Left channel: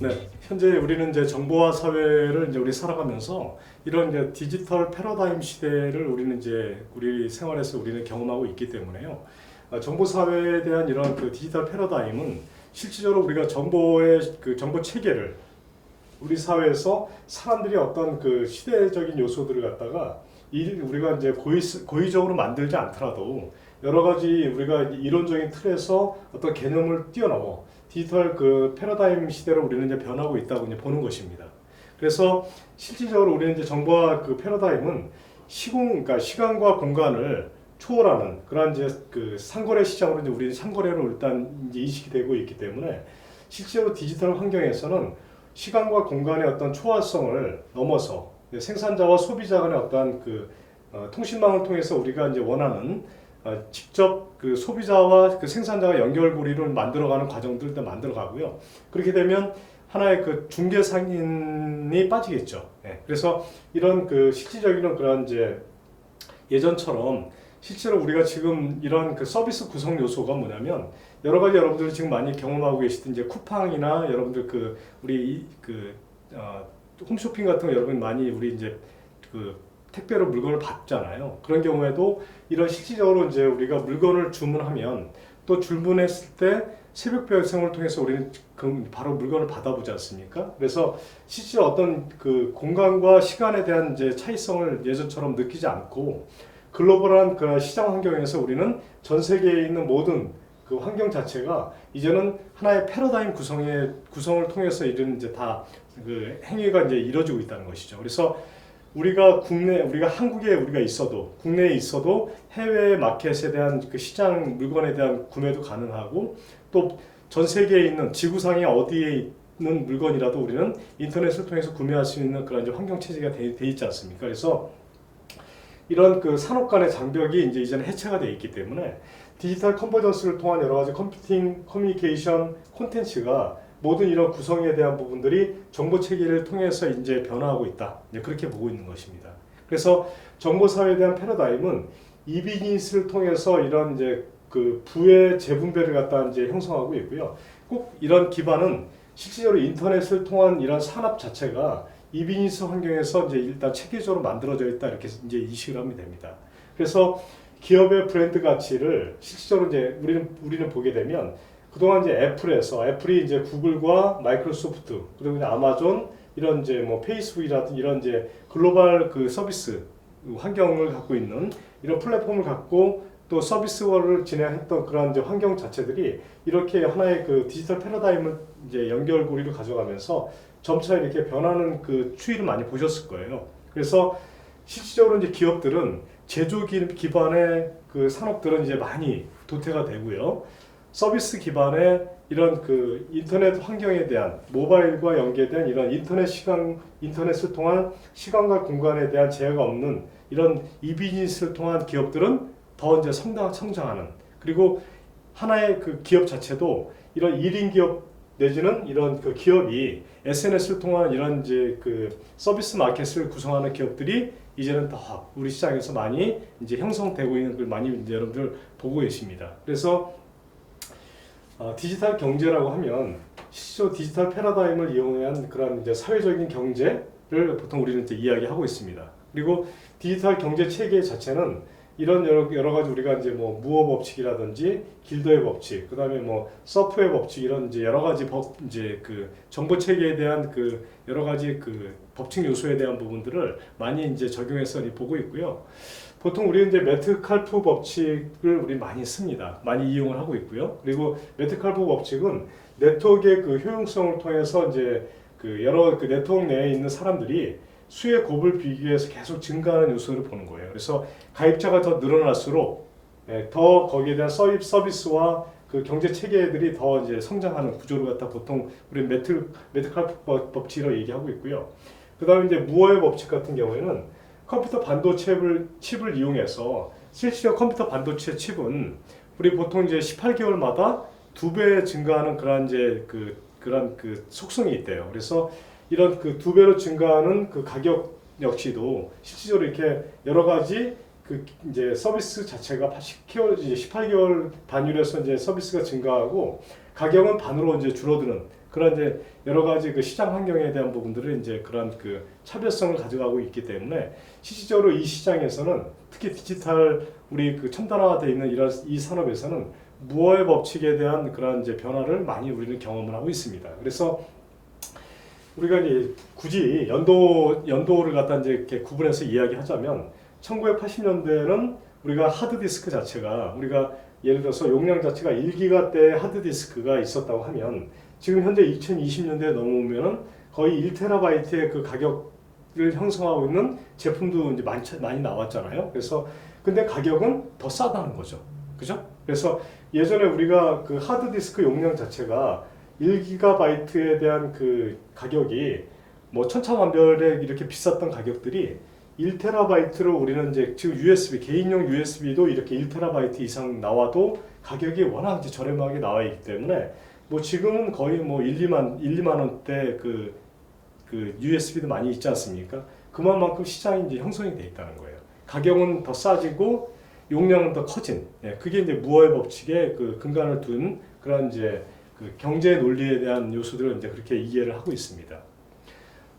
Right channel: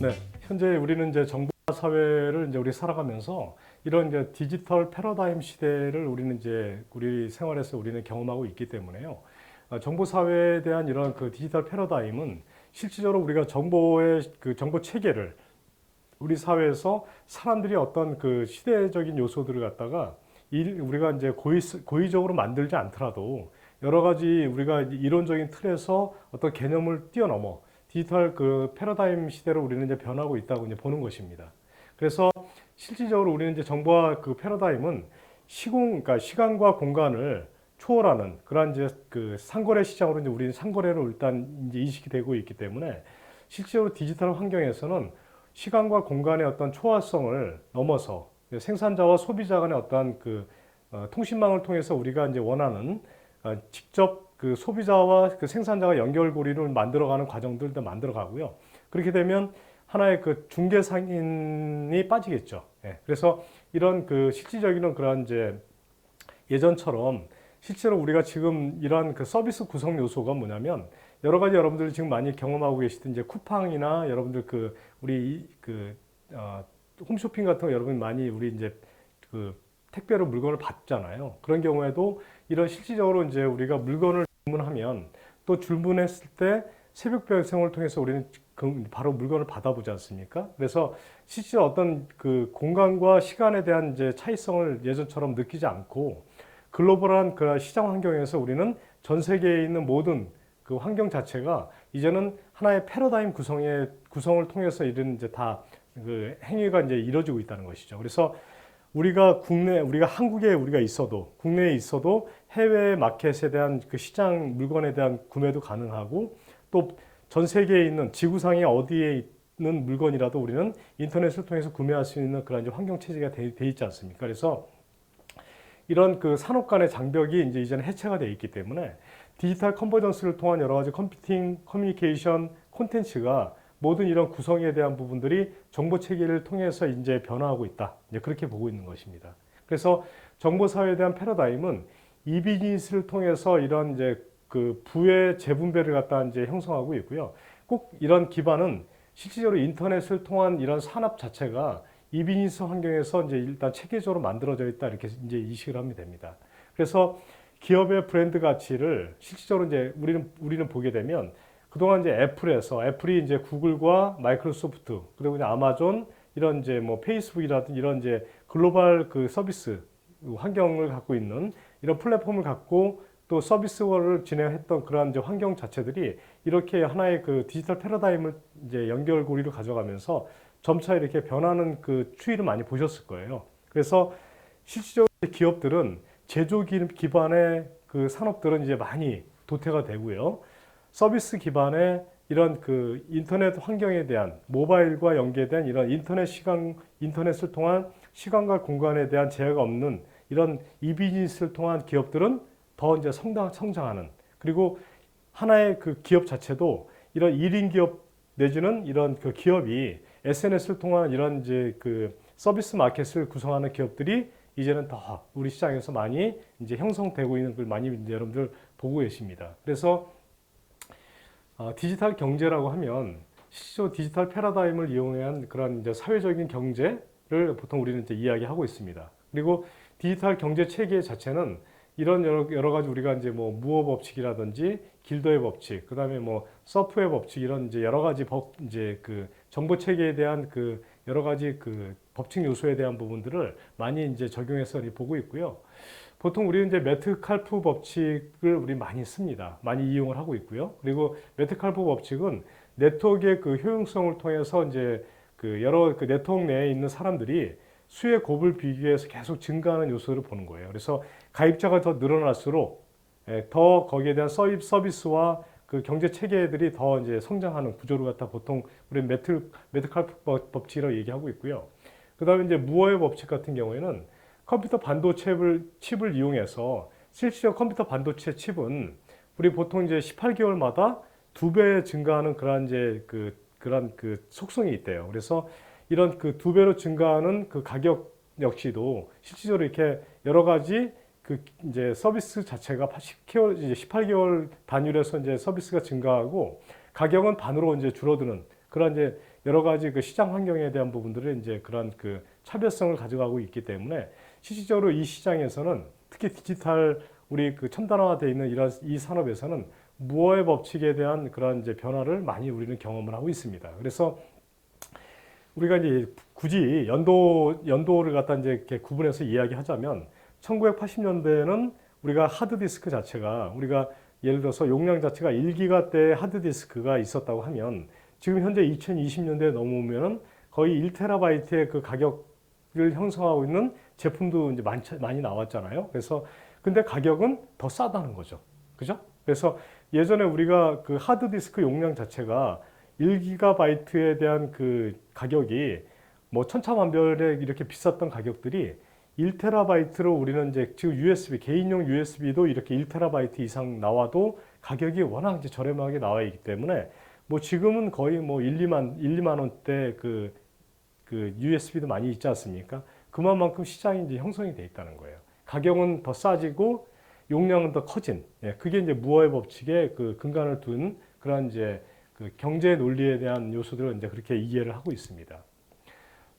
네, 현재 우리는 이제 정보화 사회를 이제 우리 살아가면서 이런 이제 디지털 패러다임 시대를 우리는 이제 우리 생활에서 우리는 경험하고 있기 때문에요. 정보 사회에 대한 이런 그 디지털 패러다임은 실질적으로 우리가 정보의 그 정보 체계를 우리 사회에서 사람들이 어떤 그 시대적인 요소들을 갖다가 우리가 이제 고의적으로 만들지 않더라도 여러 가지 우리가 이론적인 틀에서 어떤 개념을 뛰어넘어 디지털 그 패러다임 시대로 우리는 이제 변하고 있다고 이제 보는 것입니다. 그래서 실질적으로 우리는 이제 정보화 그 패러다임은 그러니까 시간과 공간을 초월하는 그런 이제 그 상거래 시장으로 이제 우리는 상거래로 일단 이제 인식이 되고 있기 때문에 실제로 디지털 환경에서는 시간과 공간의 어떤 초월성을 넘어서 생산자와 소비자 간의 어떠한 그 통신망을 통해서 우리가 이제 원하는 직접 그 소비자와 그 생산자가 연결고리를 만들어가는 과정들도 만들어가고요. 그렇게 되면 하나의 그 중개 상인이 빠지겠죠. 예, 그래서 이런 그 실질적인 그런 이제 예전처럼 실제로 우리가 지금 이런 그 서비스 구성 요소가 뭐냐면 여러 가지 여러분들이 지금 많이 경험하고 계시던 이제 쿠팡이나 여러분들 그 우리 그 홈쇼핑 같은 거 여러분 많이 우리 이제 그 택배로 물건을 받잖아요. 그런 경우에도 이런 실질적으로 이제 우리가 물건을 주문하면 또 주문했을 때 새벽 배송을 통해서 우리는 바로 물건을 받아보지 않습니까? 그래서 실제 어떤 그 공간과 시간에 대한 이제 차이성을 예전처럼 느끼지 않고 글로벌한 그 시장 환경에서 우리는 전 세계에 있는 모든 그 환경 자체가 이제는 하나의 패러다임 구성을 통해서 이런 이제 다 그 행위가 이제 이루어지고 있다는 것이죠. 그래서 우리가 한국에 우리가 있어도 국내에 있어도 해외 마켓에 대한 그 시장 물건에 대한 구매도 가능하고 또 전 세계에 있는 지구상의 어디에 있는 물건이라도 우리는 인터넷을 통해서 구매할 수 있는 그런 이제 환경 체제가 돼 있지 않습니까? 그래서 이런 그 산업 간의 장벽이 이제 이제는 해체가 되어 있기 때문에 디지털 컨버전스를 통한 여러 가지 컴퓨팅, 커뮤니케이션, 콘텐츠가 모든 이런 구성에 대한 부분들이 정보 체계를 통해서 이제 변화하고 있다. 이제 그렇게 보고 있는 것입니다. 그래서 정보 사회에 대한 패러다임은 이 비즈니스를 통해서 이런 이제 그 부의 재분배를 갖다 이제 형성하고 있고요. 꼭 이런 기반은 실질적으로 인터넷을 통한 이런 산업 자체가 이 비즈니스 환경에서 이제 일단 체계적으로 만들어져 있다 이렇게 이제 인식을 하면 됩니다. 그래서 기업의 브랜드 가치를 실질적으로 이제 우리는 보게 되면 그동안 이제 애플이 이제 구글과 마이크로소프트 그리고 이제 아마존 이런 이제 뭐 페이스북이라든지 이런 이제 글로벌 그 서비스 환경을 갖고 있는 이런 플랫폼을 갖고 또 서비스를 진행했던 그런 이제 환경 자체들이 이렇게 하나의 그 디지털 패러다임을 이제 연결고리를 가져가면서 점차 이렇게 변하는 그 추이를 많이 보셨을 거예요. 그래서 실질적으로 이제 기업들은 제조 기반의 그 산업들은 이제 많이 도태가 되고요. 서비스 기반의 이런 그 인터넷 환경에 대한 모바일과 연계된 이런 인터넷을 통한 시간과 공간에 대한 제약이 없는 이런 이 비즈니스를 통한 기업들은 더 이제 성장하는 그리고 하나의 그 기업 자체도 이런 1인 기업 내지는 이런 그 기업이 SNS를 통한 이런 이제 그 서비스 마켓을 구성하는 기업들이 이제는 더 우리 시장에서 많이 이제 형성되고 있는 걸 많이 이제 여러분들 보고 계십니다. 그래서 디지털 경제라고 하면 실제로 디지털 패러다임을 이용한 그런 이제 사회적인 경제를 보통 우리는 이제 이야기하고 있습니다. 그리고 디지털 경제 체계 자체는 이런 여러 가지 우리가 이제 뭐 무어 법칙이라든지 길더의 법칙, 그다음에 뭐 서프의 법칙 이런 이제 여러 가지 이제 그 정보 체계에 대한 그 여러 가지 그 법칙 요소에 대한 부분들을 많이 이제 적용해서 보고 있고요. 보통 우리는 이제 메트칼프 법칙을 우리 많이 씁니다. 많이 이용을 하고 있고요. 그리고 메트칼프 법칙은 네트워크의 그 효용성을 통해서 이제 그 여러 그 네트워크 내에 있는 사람들이 수의 곱을 비교해서 계속 증가하는 요소를 보는 거예요. 그래서 가입자가 더 늘어날수록 더 거기에 대한 서비스와 그 경제 체계들이 더 이제 성장하는 구조를 갖다 보통 우리 메트칼프 법칙이라고 얘기하고 있고요. 그다음에 이제 무어의 법칙 같은 경우에는 컴퓨터 반도체 칩을 이용해서 실제로 컴퓨터 반도체 칩은 우리 보통 이제 18개월마다 2배 증가하는 그런 이제 그런 그 속성이 있대요. 그래서 이런 그 2배로 증가하는 그 가격 역시도 실질적으로 이렇게 여러 가지 그 이제 서비스 자체가 18개월 단위로서 이제 서비스가 증가하고 가격은 반으로 이제 줄어드는 그런 이제 여러 가지 그 시장 환경에 대한 부분들을 이제 그런 그 차별성을 가져가고 있기 때문에 실질적으로 이 시장에서는 특히 디지털 우리 그 첨단화되어 있는 이런 이 산업에서는 무어의 법칙에 대한 그런 이제 변화를 많이 우리는 경험을 하고 있습니다. 그래서 우리가 이제 굳이 연도를 갖다 이제 이렇게 구분해서 이야기하자면 1980년대에는 우리가 하드디스크 자체가 우리가 예를 들어서 용량 자체가 1기가대 하드디스크가 있었다고 하면 지금 현재 2020년대에 넘어오면 거의 1테라바이트의 그 가격을 형성하고 있는 제품도 이제 많이 나왔잖아요. 그래서 근데 가격은 더 싸다는 거죠. 그죠? 그래서 예전에 우리가 그 하드디스크 용량 자체가 1기가바이트에 대한 그 가격이 뭐 천차만별에 이렇게 비쌌던 가격들이 1테라바이트로 우리는 이제 지금 USB 개인용 USB도 이렇게 1테라바이트 이상 나와도 가격이 워낙 이제 저렴하게 나와 있기 때문에 뭐 지금은 거의 뭐 2만 원대 그 USB도 많이 있지 않습니까? 그만큼 시장이 이제 형성이 돼 있다는 거예요. 가격은 더 싸지고 용량은 더 커진. 그게 이제 무어의 법칙에 그 근간을 둔 그런 이제 그 경제 논리에 대한 요소들을 이제 그렇게 이해를 하고 있습니다.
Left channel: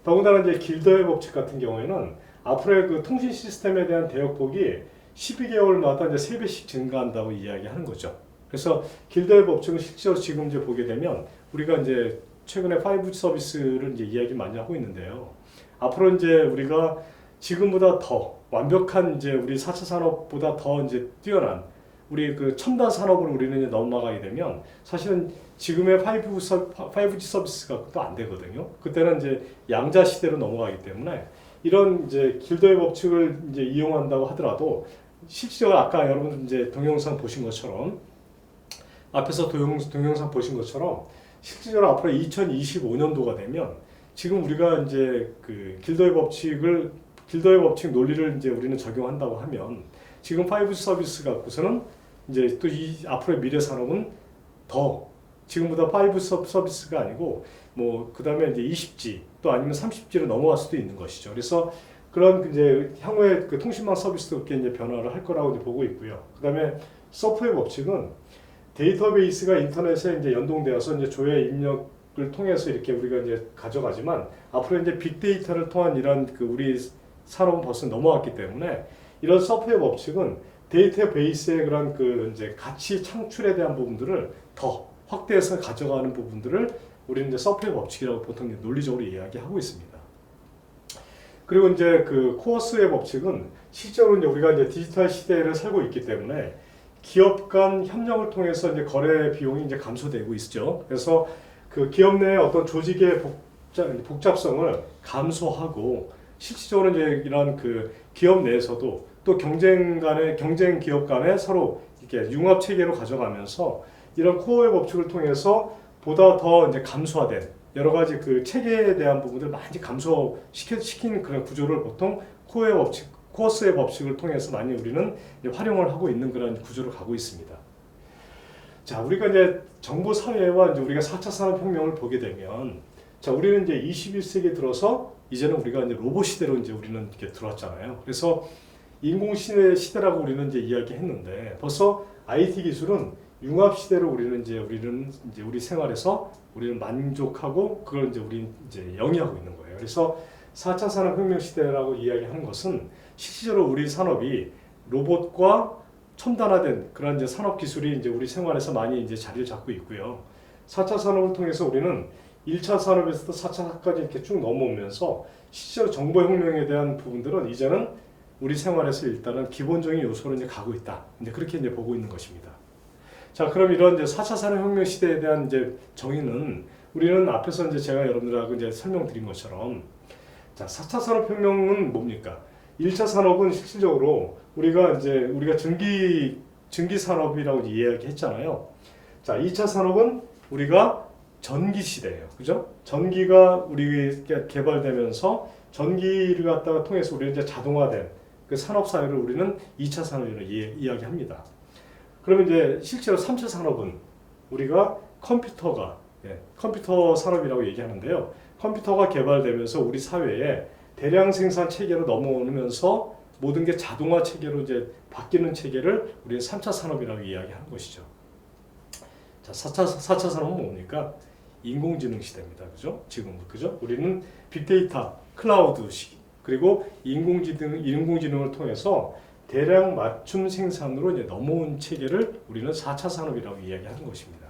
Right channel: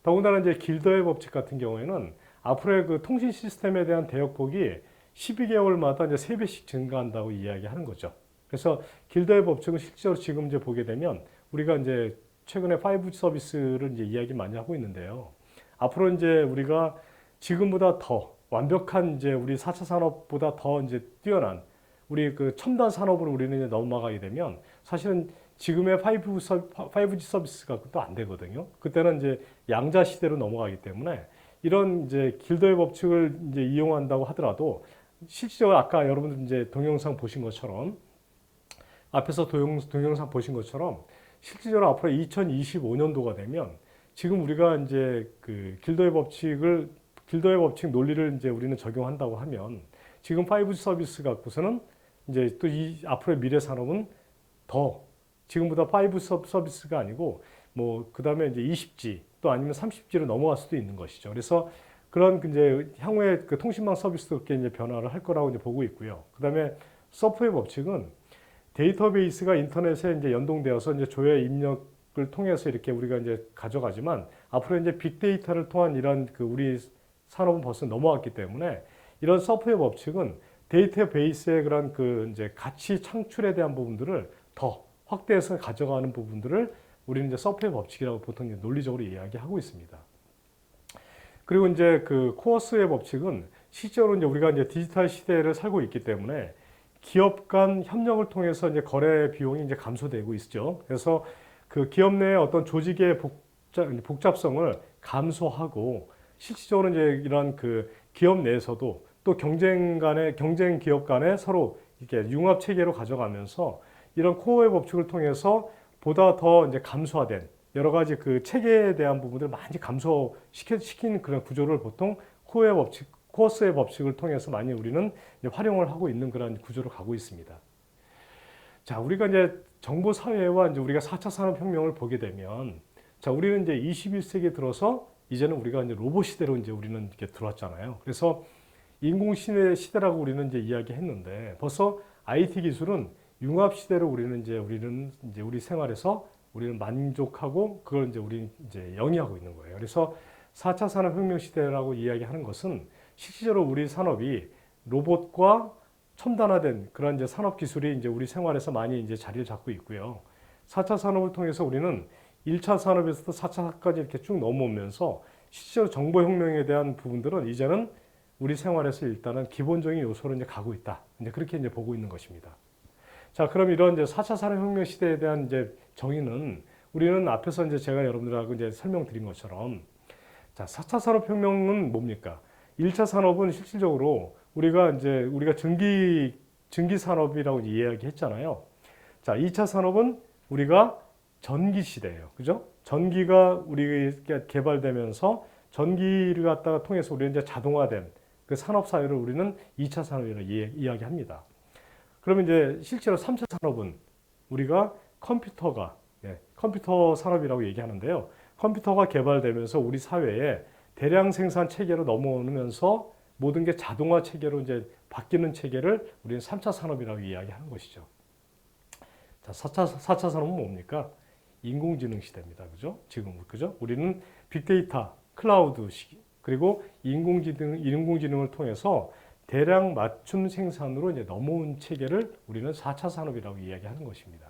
더군다나 이제 길더의 법칙 같은 경우에는 앞으로의 그 통신 시스템에 대한 대역폭이 12개월마다 이제 3배씩 증가한다고 이야기하는 거죠. 그래서 길더의 법칙은 실제로 지금 이제 보게 되면 우리가 이제 최근에 5G 서비스를 이제 이야기 많이 하고 있는데요. 앞으로 이제 우리가 지금보다 더 완벽한 이제 우리 4차 산업보다 더 이제 뛰어난 우리 그 첨단 산업으로 우리는 이제 넘어가게 되면 사실은 지금의 5G 서비스가 또 안 되거든요. 그때는 이제 양자 시대로 넘어가기 때문에 이런 이제 길더의 법칙을 이제 이용한다고 하더라도 실제로 아까 여러분 이제 동영상 보신 것처럼 앞에서 동영상 보신 것처럼 실질적으로 앞으로 2025년도가 되면 지금 우리가 이제 그 길더의 법칙 논리를 이제 우리는 적용한다고 하면 지금 5G 서비스 갖고서는 이제 또 이 앞으로의 미래 산업은 더 지금보다 5G 서비스가 아니고 뭐 그다음에 이제 20G 또 아니면 30G로 넘어갈 수도 있는 것이죠. 그래서 그런 이제 향후에 그 통신망 서비스도 꽤 이제 변화를 할 거라고 이제 보고 있고요. 그다음에 서프의 법칙은 데이터베이스가 인터넷에 이제 연동되어서 이제 조회 입력을 통해서 이렇게 우리가 이제 가져가지만 앞으로 이제 빅데이터를 통한 이런 그 우리 산업은 벌써 넘어왔기 때문에 이런 서프의 법칙은 데이터베이스의 그런 그 이제 가치 창출에 대한 부분들을 더 확대해서 가져가는 부분들을 우리는 이제 서프의 법칙이라고 보통 논리적으로 이야기하고 있습니다. 그리고 이제 그 코어스의 법칙은 실제로 이제 우리가 이제 디지털 시대를 살고 있기 때문에 기업 간 협력을 통해서 이제 거래 비용이 이제 감소되고 있죠. 그래서 그 기업 내 어떤 조직의 복잡성을 감소하고 실질적으로 이제 이런 그 기업 내에서도 또 경쟁 기업 간에 서로 이렇게 융합 체계로 가져가면서 이런 코어의 법칙을 통해서 보다 더 이제 감소화된 여러 가지 그 체계에 대한 부분들 많이 감소시키는 그런 구조를 보통 코어스의 법칙을 통해서 많이 우리는 활용을 하고 있는 그런 구조로 가고 있습니다. 자, 우리가 이제 정보 사회와 이제 우리가 4차 산업혁명을 보게 되면 자, 우리는 이제 21세기 들어서 이제는 우리가 이제 로봇 시대로 이제 우리는 이렇게 들어왔잖아요. 그래서 인공 시대라고 우리는 이제 이야기했는데 벌써 IT 기술은 융합 시대로 우리는 이제 우리 생활에서 우리는 만족하고 그걸 이제 우리 이제 영위하고 있는 거예요. 그래서 4차 산업혁명 시대라고 이야기하는 것은 실질적으로 우리 산업이 로봇과 첨단화된 그런 이제 산업 기술이 이제 우리 생활에서 많이 이제 자리를 잡고 있고요. 4차 산업을 통해서 우리는 1차 산업에서도 4차까지 이렇게 쭉 넘어오면서 실제로 정보혁명에 대한 부분들은 이제는 우리 생활에서 일단은 기본적인 요소로 이제 가고 있다. 이제 그렇게 이제 보고 있는 것입니다. 자, 그럼 이런 이제 4차 산업혁명 시대에 대한 이제 정의는 우리는 앞에서 이제 제가 여러분들하고 이제 설명드린 것처럼 자, 4차 산업혁명은 뭡니까? 1차 산업은 실질적으로 우리가 증기 산업이라고 이야기했잖아요. 자, 2차 산업은 우리가 전기 시대예요. 그죠? 전기가 우리가 개발되면서 전기를 갖다가 통해서 우리는 이제 자동화된 그 산업 사회를 우리는 2차 산업이라고 이야기합니다. 그러면 이제 실제로 3차 산업은 우리가 컴퓨터 산업이라고 얘기하는데요. 컴퓨터가 개발되면서 우리 사회에 대량 생산 체계로 넘어오면서 모든 게 자동화 체계로 이제 바뀌는 체계를 우리는 3차 산업이라고 이야기하는 것이죠. 자, 4차 산업은 뭡니까? 인공지능 시대입니다. 그죠? 지금 그죠? 우리는 빅데이터, 클라우드 시기, 그리고 인공지능을 통해서 대량 맞춤 생산으로 이제 넘어온 체계를 우리는 4차 산업이라고 이야기하는 것입니다.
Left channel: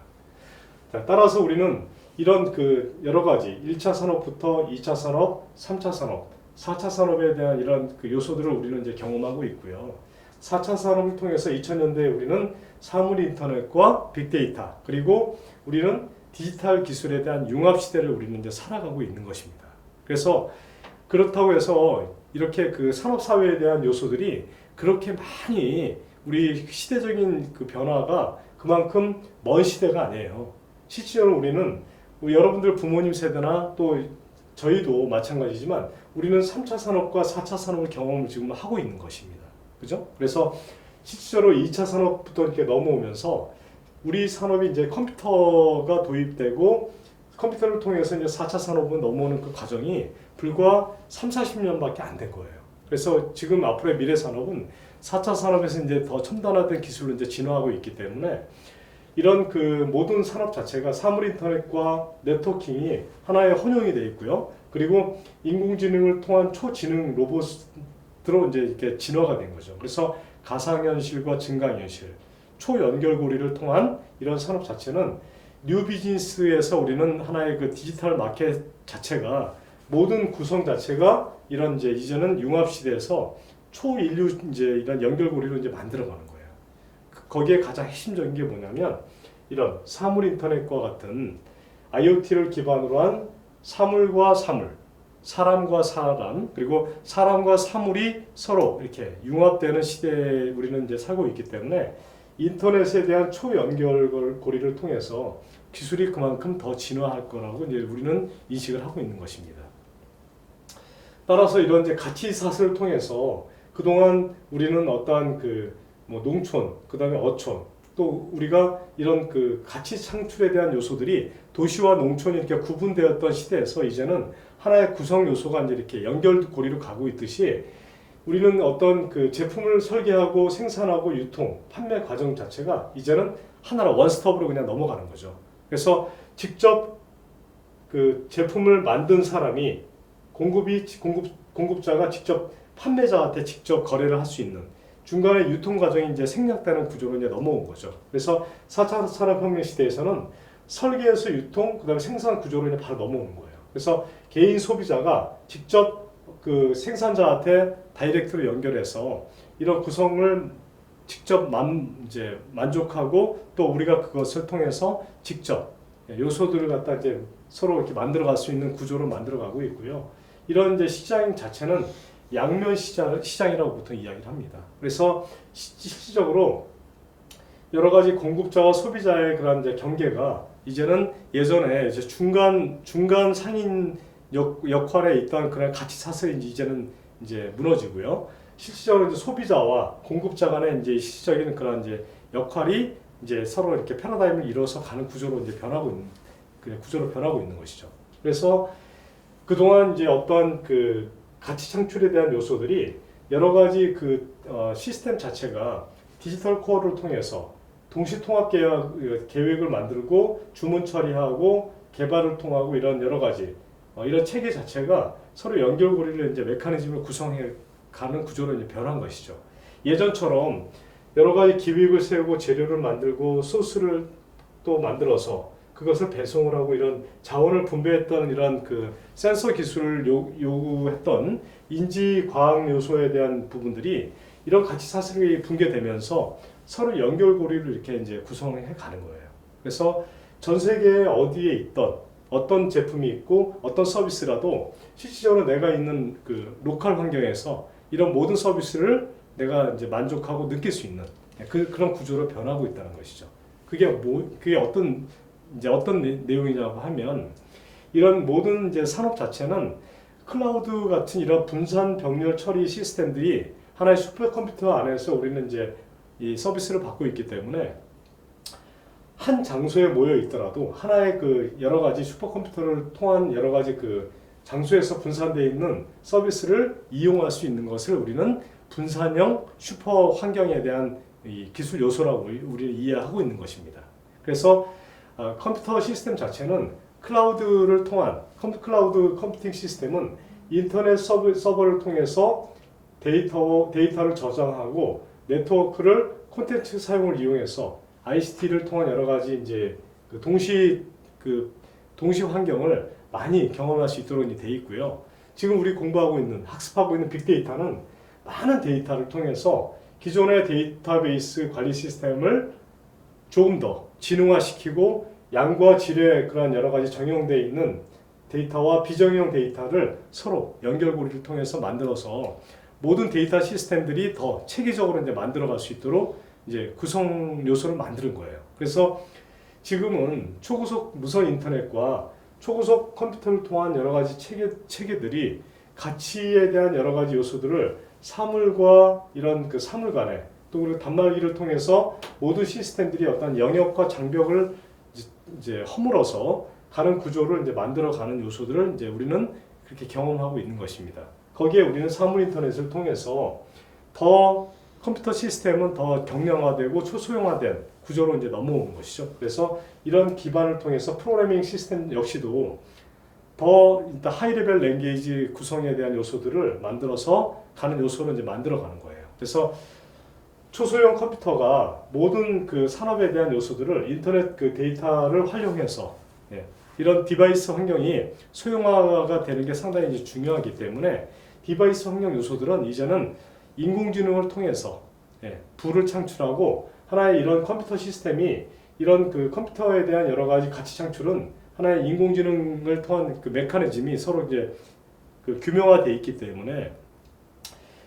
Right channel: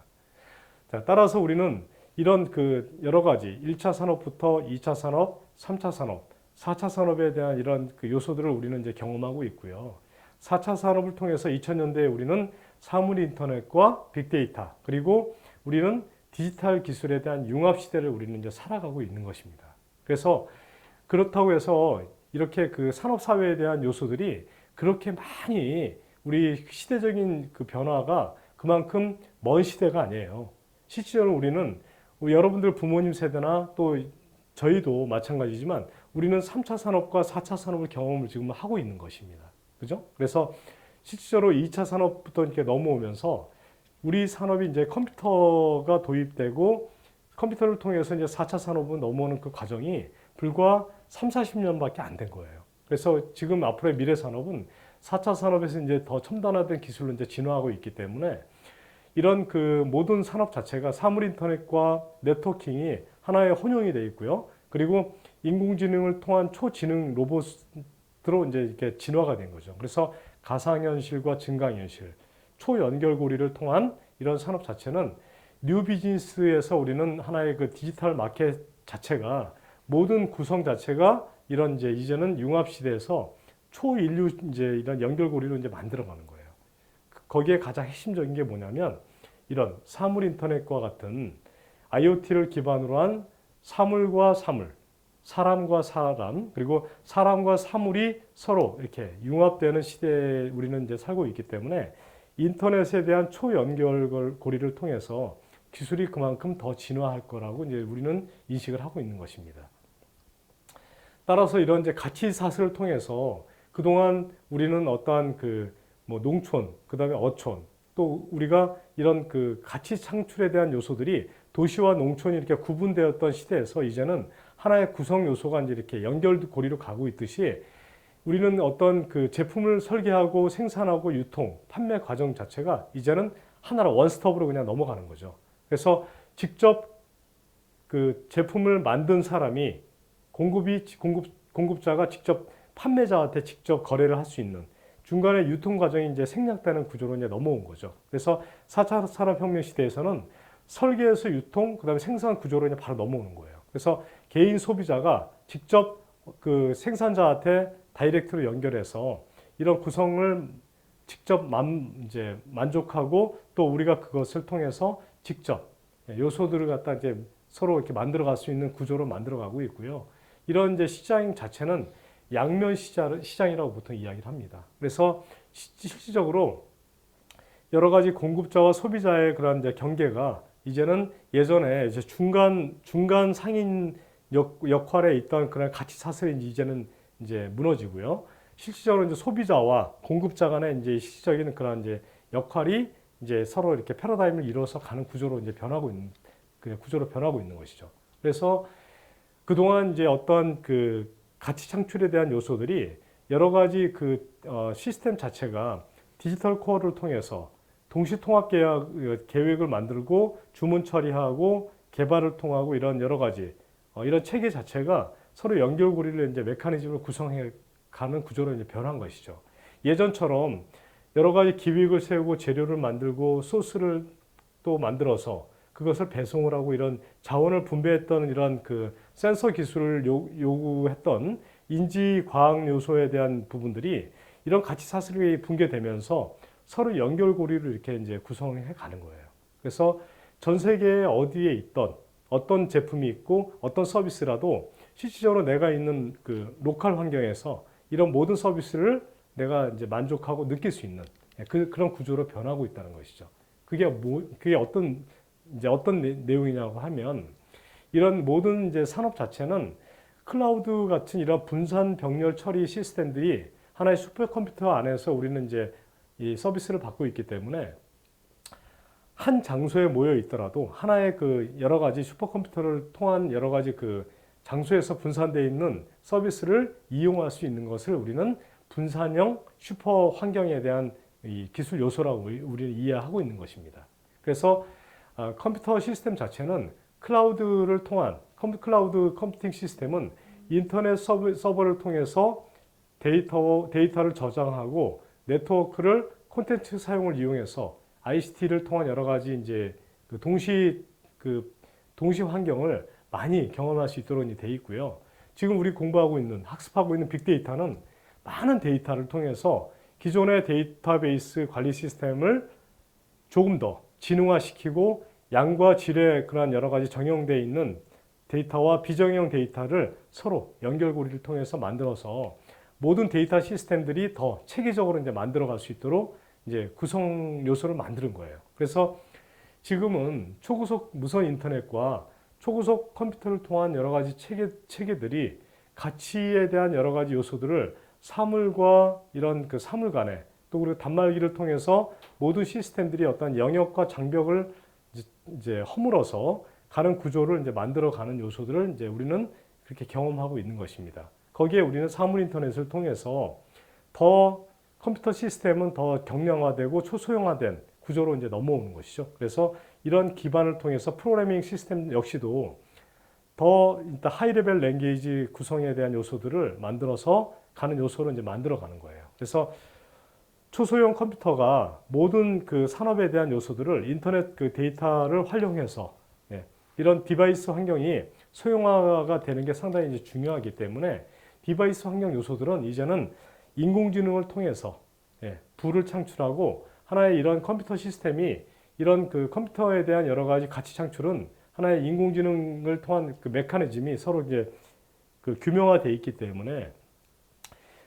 자, 따라서 우리는 이런 그 여러 가지 1차 산업부터 2차 산업, 3차 산업, 4차 산업에 대한 이런 그 요소들을 우리는 이제 경험하고 있고요. 4차 산업을 통해서 2000년대에 우리는 사물 인터넷과 빅데이터, 그리고 우리는 디지털 기술에 대한 융합 시대를 우리는 이제 살아가고 있는 것입니다. 그래서 그렇다고 해서 이렇게 그 산업 사회에 대한 요소들이 그렇게 많이 우리 시대적인 그 변화가 그만큼 먼 시대가 아니에요. 실제로 우리는 우리 여러분들 부모님 세대나 또 저희도 마찬가지지만 우리는 3차 산업과 4차 산업을 경험을 지금 하고 있는 것입니다. 그죠? 그래서 실제로 2차 산업부터 이렇게 넘어오면서 우리 산업이 이제 컴퓨터가 도입되고 컴퓨터를 통해서 이제 4차 산업으로 넘어오는 그 과정이 불과 3, 40년밖에 안 된 거예요. 그래서 지금 앞으로의 미래 산업은 4차 산업에서 이제 더 첨단화된 기술로 이제 진화하고 있기 때문에 이런 그 모든 산업 자체가 사물 인터넷과 네트워킹이 하나의 혼용이 되어 있고요. 그리고 인공지능을 통한 초지능 로봇으로 이제 이렇게 진화가 된 거죠. 그래서 가상현실과 증강현실, 초연결고리를 통한 이런 산업 자체는 뉴 비즈니스에서 우리는 하나의 그 디지털 마켓 자체가 모든 구성 자체가 이런 이제 이제는 융합 시대에서 초인류 이제 이런 연결고리로 이제 만들어가는 거예요. 거기에 가장 핵심적인 게 뭐냐면 이런 사물 인터넷과 같은 IoT를 기반으로 한 사물과 사물, 사람과 사람, 그리고 사람과 사물이 서로 이렇게 융합되는 시대에 우리는 이제 살고 있기 때문에 인터넷에 대한 초연결고리를 통해서 기술이 그만큼 더 진화할 거라고 이제 우리는 인식을 하고 있는 것입니다. 따라서 이런 이제 가치 사슬을 통해서 그동안 우리는 어떠한 그 뭐 농촌, 그다음에 어촌, 또 우리가 이런 그 가치 창출에 대한 요소들이 도시와 농촌이 이렇게 구분되었던 시대에서 이제는 하나의 구성 요소가 이제 이렇게 연결고리로 가고 있듯이 우리는 어떤 그 제품을 설계하고 생산하고 유통, 판매 과정 자체가 이제는 하나로 원스톱으로 그냥 넘어가는 거죠. 그래서 직접 그 제품을 만든 사람이 공급자가 직접 판매자한테 직접 거래를 할 수 있는 중간에 유통 과정이 이제 생략되는 구조로 이제 넘어온 거죠. 그래서 4차 산업혁명 시대에서는 설계에서 유통, 그다음에 생산 구조로 이제 바로 넘어오는 거예요. 그래서 개인 소비자가 직접 그 생산자한테 다이렉트로 연결해서 이런 구성을 직접 이제 만족하고 또 우리가 그것을 통해서 직접 요소들을 갖다 이제 서로 이렇게 만들어갈 수 있는 구조로 만들어가고 있고요. 이런 이제 시장 자체는 양면 시장이라고 보통 이야기를 합니다. 그래서 실질적으로 여러 가지 공급자와 소비자의 그런 이제 경계가 이제는 예전에 이제 중간 상인 역할에 있던 그런 가치 사슬이 이제는 이제 무너지고요. 실질적으로 이제 소비자와 공급자 간의 이제 실질적인 그런 이제 역할이 이제 서로 이렇게 패러다임을 이루어서 가는 구조로 이제 변하고 있는 것이죠. 그래서 그동안 이제 어떤 그 가치 창출에 대한 요소들이 여러 가지 그 시스템 자체가 디지털 코어를 통해서 동시 통합 계획을 만들고 주문 처리하고 개발을 통하고 이런 여러 가지 이런 체계 자체가 서로 연결고리를 이제 메커니즘을 구성해 가는 구조로 이제 변한 것이죠. 예전처럼 여러 가지 기획을 세우고 재료를 만들고 소스를 또 만들어서 그것을 배송을 하고 이런 자원을 분배했던 이런 그 센서 기술을 요구했던 인지 과학 요소에 대한 부분들이 이런 가치 사슬이 붕괴되면서 서로 연결고리를 이렇게 이제 구성해 가는 거예요. 그래서 전 세계 어디에 있던 어떤 제품이 있고 어떤 서비스라도 실질적으로 내가 있는 그 로컬 환경에서 이런 모든 서비스를 내가 이제 만족하고 느낄 수 있는 그런 구조로 변하고 있다는 것이죠. 그게 어떤 내용이냐고 하면 이런 모든 이제 산업 자체는 클라우드 같은 이런 분산 병렬 처리 시스템들이 하나의 슈퍼컴퓨터 안에서 우리는 이제 이 서비스를 받고 있기 때문에 한 장소에 모여 있더라도 하나의 그 여러 가지 슈퍼컴퓨터를 통한 여러 가지 그 장소에서 분산되어 있는 서비스를 이용할 수 있는 것을 우리는 분산형 슈퍼 환경에 대한 이 기술 요소라고 우리는 이해하고 있는 것입니다. 그래서 컴퓨터 시스템 자체는 클라우드를 통한 클라우드 컴퓨팅 시스템은 인터넷 서버를 통해서 데이터를 저장하고 네트워크를 콘텐츠 사용을 이용해서 ICT를 통한 여러 가지 이제 동시 환경을 많이 경험할 수 있도록 돼 있고요. 지금 우리 공부하고 있는 학습하고 있는 빅데이터는 많은 데이터를 통해서 기존의 데이터베이스 관리 시스템을 조금 더 진흥화시키고 양과 질의 그런 여러 가지 정형되어 있는 데이터와 비정형 데이터를 서로 연결고리를 통해서 만들어서 모든 데이터 시스템들이 더 체계적으로 이제 만들어갈 수 있도록 이제 구성 요소를 만드는 거예요. 그래서 지금은 초고속 무선 인터넷과 초고속 컴퓨터를 통한 여러 가지 체계들이 가치에 대한 여러 가지 요소들을 사물과 이런 그 사물 간에 또 그리고 단말기를 통해서 모든 시스템들이 어떤 영역과 장벽을 이제 허물어서 가는 구조를 이제 만들어가는 요소들을 이제 우리는 그렇게 경험하고 있는 것입니다. 거기에 우리는 사물 인터넷을 통해서 더 컴퓨터 시스템은 더 경량화되고 초소형화된 구조로 이제 넘어오는 것이죠. 그래서 이런 기반을 통해서 프로그래밍 시스템 역시도 더 일단 하이 레벨 랭귀지 구성에 대한 요소들을 만들어서 가는 요소를 이제 만들어가는 거예요. 그래서 초소형 컴퓨터가 모든 그 산업에 대한 요소들을 인터넷 그 데이터를 활용해서 이런 디바이스 환경이 소형화가 되는 게 상당히 이제 중요하기 때문에 디바이스 환경 요소들은 이제는 인공지능을 통해서 부를 창출하고 하나의 이런 컴퓨터 시스템이 이런 그 컴퓨터에 대한 여러 가지 가치 창출은 하나의 인공지능을 통한 그 메커니즘이 서로 이제 그 규명화되어 있기 때문에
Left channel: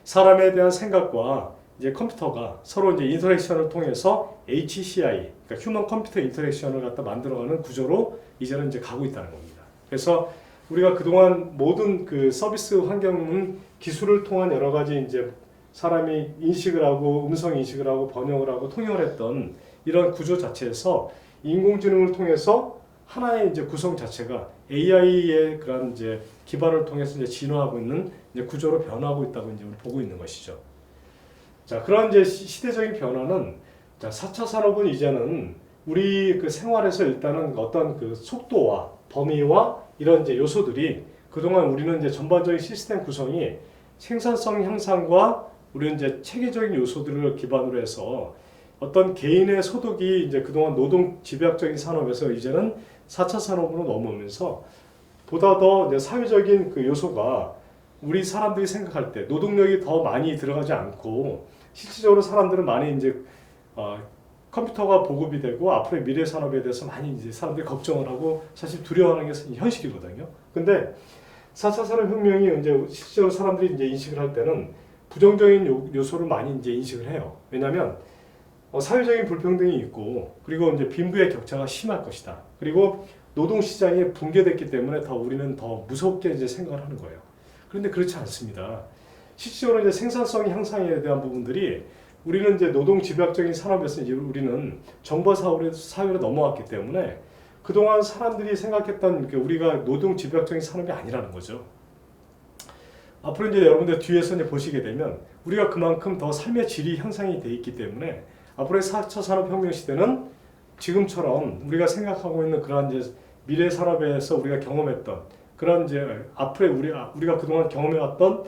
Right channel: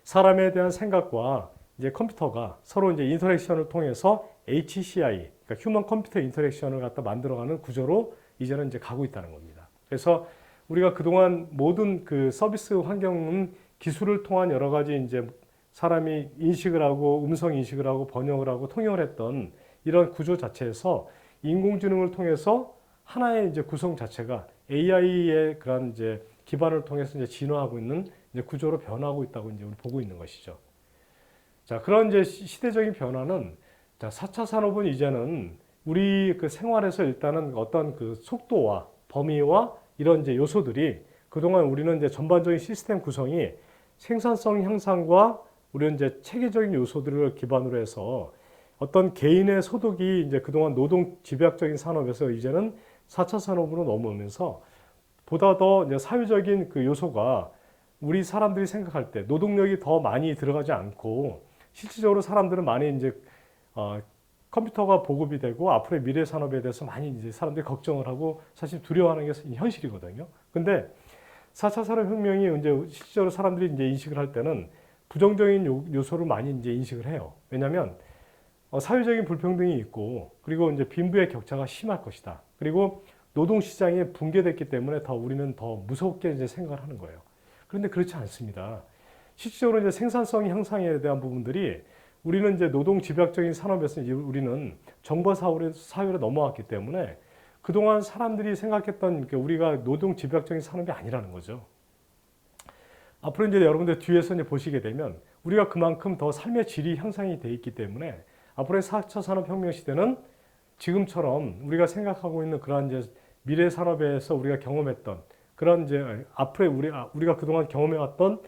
사람에 대한 생각과 이제 컴퓨터가 서로 이제 인터랙션을 통해서 HCI, 그러니까 휴먼 컴퓨터 인터랙션을 갖다 만들어가는 구조로 이제는 이제 가고 있다는 겁니다. 그래서 우리가 그동안 모든 그 서비스 환경은 기술을 통한 여러 가지 이제 사람이 인식을 하고 음성 인식을 하고 번역을 하고 통역을 했던 이런 구조 자체에서 인공지능을 통해서 하나의 이제 구성 자체가 AI의 그런 이제 기반을 통해서 이제 진화하고 있는 이제 구조로 변하고 있다고 이제 보고 있는 것이죠. 자, 그런 이제 시대적인 변화는 자, 4차 산업은 이제는 우리 그 생활에서 일단은 어떤 그 속도와 범위와 이런 이제 요소들이 그동안 우리는 이제 전반적인 시스템 구성이 생산성 향상과 우리는 이제 체계적인 요소들을 기반으로 해서 어떤 개인의 소득이 이제 그동안 노동 집약적인 산업에서 이제는 4차 산업으로 넘어오면서 보다 더 이제 사회적인 그 요소가 우리 사람들이 생각할 때 노동력이 더 많이 들어가지 않고 실질적으로 사람들은 많이 이제 컴퓨터가 보급이 되고 앞으로의 미래 산업에 대해서 많이 이제 사람들이 걱정을 하고 사실 두려워하는 게 현실이거든요. 근데 4차 산업혁명이 이제 실질적으로 사람들이 이제 인식을 할 때는 부정적인 요소를 많이 이제 인식을 해요. 왜냐하면 사회적인 불평등이 있고 그리고 이제 빈부의 격차가 심할 것이다. 그리고 노동 시장이 붕괴됐기 때문에 더 우리는 더 무섭게 이제 생각을 하는 거예요. 그런데 그렇지 않습니다. 실질적으로 이제 생산성 향상에 대한 부분들이 우리는 이제 노동 집약적인 산업에서 이제 우리는 정보 사회로 넘어왔기 때문에 그동안 사람들이 생각했던 우리가 노동 집약적인 산업이 아니라는 거죠. 앞으로 이제 여러분들 뒤에서 이제 보시게 되면 우리가 그만큼 더 삶의 질이 향상이 돼 있기 때문에 앞으로의 4차 산업혁명 시대는 지금처럼 우리가 생각하고 있는 그러한 이제 미래 산업에서 우리가 경험했던 그런 이제 앞으로의 우리가 그동안 경험해왔던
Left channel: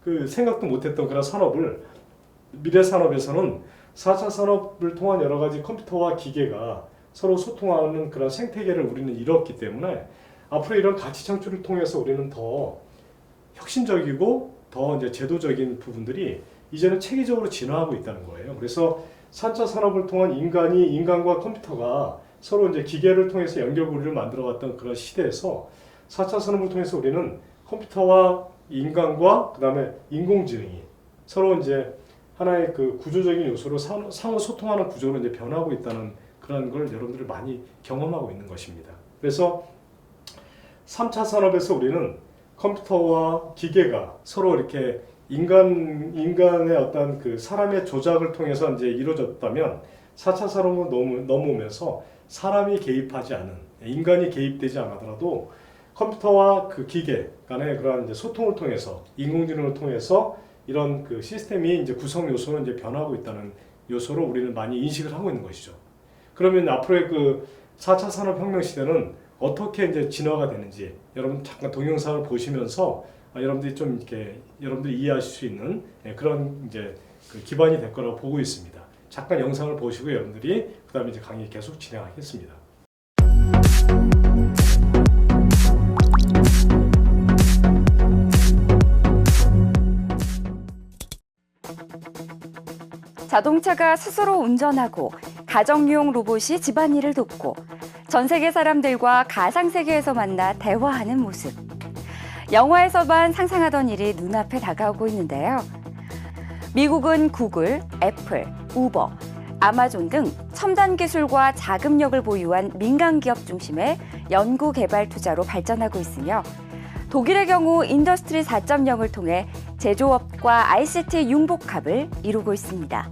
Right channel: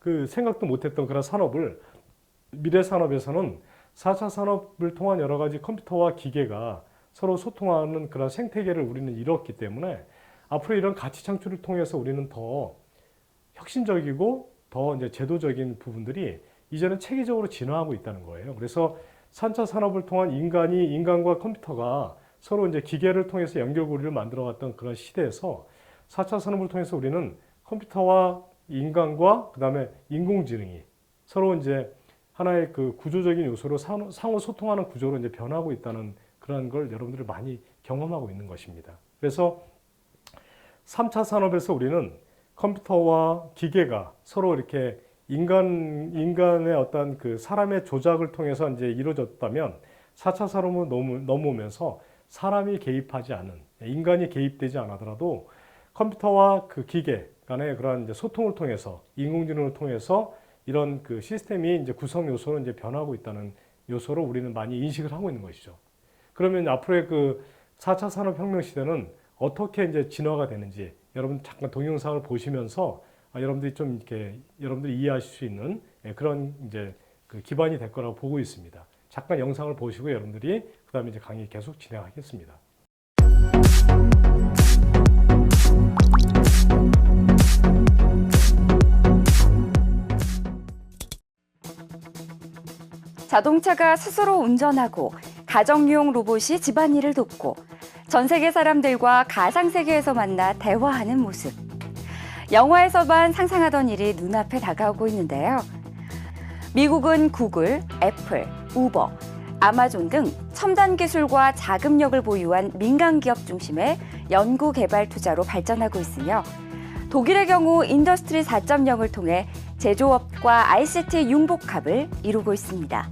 그 생각도 못했던 그런 산업을 미래 산업에서는 4차 산업을 통한 여러 가지 컴퓨터와 기계가 서로 소통하는 그런 생태계를 우리는 이뤘기 때문에 앞으로 이런 가치 창출을 통해서 우리는 더 혁신적이고 더 이제 제도적인 부분들이 이제는 체계적으로 진화하고 있다는 거예요. 그래서 4차 산업을 통한 인간과 컴퓨터가 서로 이제 기계를 통해서 연결고리를 만들어갔던 그런 시대에서 4차 산업을 통해서 우리는 컴퓨터와 인간과 그 다음에 인공지능이 서로 이제 하나의 그 구조적인 요소로 상호 소통하는 구조로 이제 변하고 있다는 그런 걸 여러분들이 많이 경험하고 있는 것입니다. 그래서 3차 산업에서 우리는 컴퓨터와 기계가 서로 이렇게 인간의 어떤 그 사람의 조작을 통해서 이제 이루어졌다면 4차 산업으로 넘어오면서 사람이 개입하지 않은 인간이 개입되지 않아더라도 컴퓨터와 그 기계 간의 그러한 이제 소통을 통해서 인공지능을 통해서 이런 그 시스템이 이제 구성 요소는 이제 변하고 있다는 요소로 우리는 많이 인식을 하고 있는 것이죠. 그러면 앞으로의 그 4차 산업혁명 시대는 어떻게 이제 진화가 되는지 여러분 잠깐 동영상을 보시면서 여러분들이 좀 이렇게 여러분들이 이해하실 수 있는 그런 이제 그 기반이 될 거라고 보고 있습니다. 잠깐 영상을 보시고 여러분들이 그다음에 이제 강의 계속 진행하겠습니다. 자동차가 스스로 운전하고 가정용 로봇이 집안일을 돕고 전 세계 사람들과 가상세계에서 만나 대화하는 모습. 영화에서만 상상하던 일이 눈앞에 다가오고 있는데요. 미국은 구글, 애플, 우버, 아마존 등 첨단 기술과 자금력을 보유한 민간 기업 중심의 연구 개발 투자로 발전하고 있으며 독일의 경우 인더스트리 4.0을 통해 제조업과 ICT 융복합을 이루고 있습니다.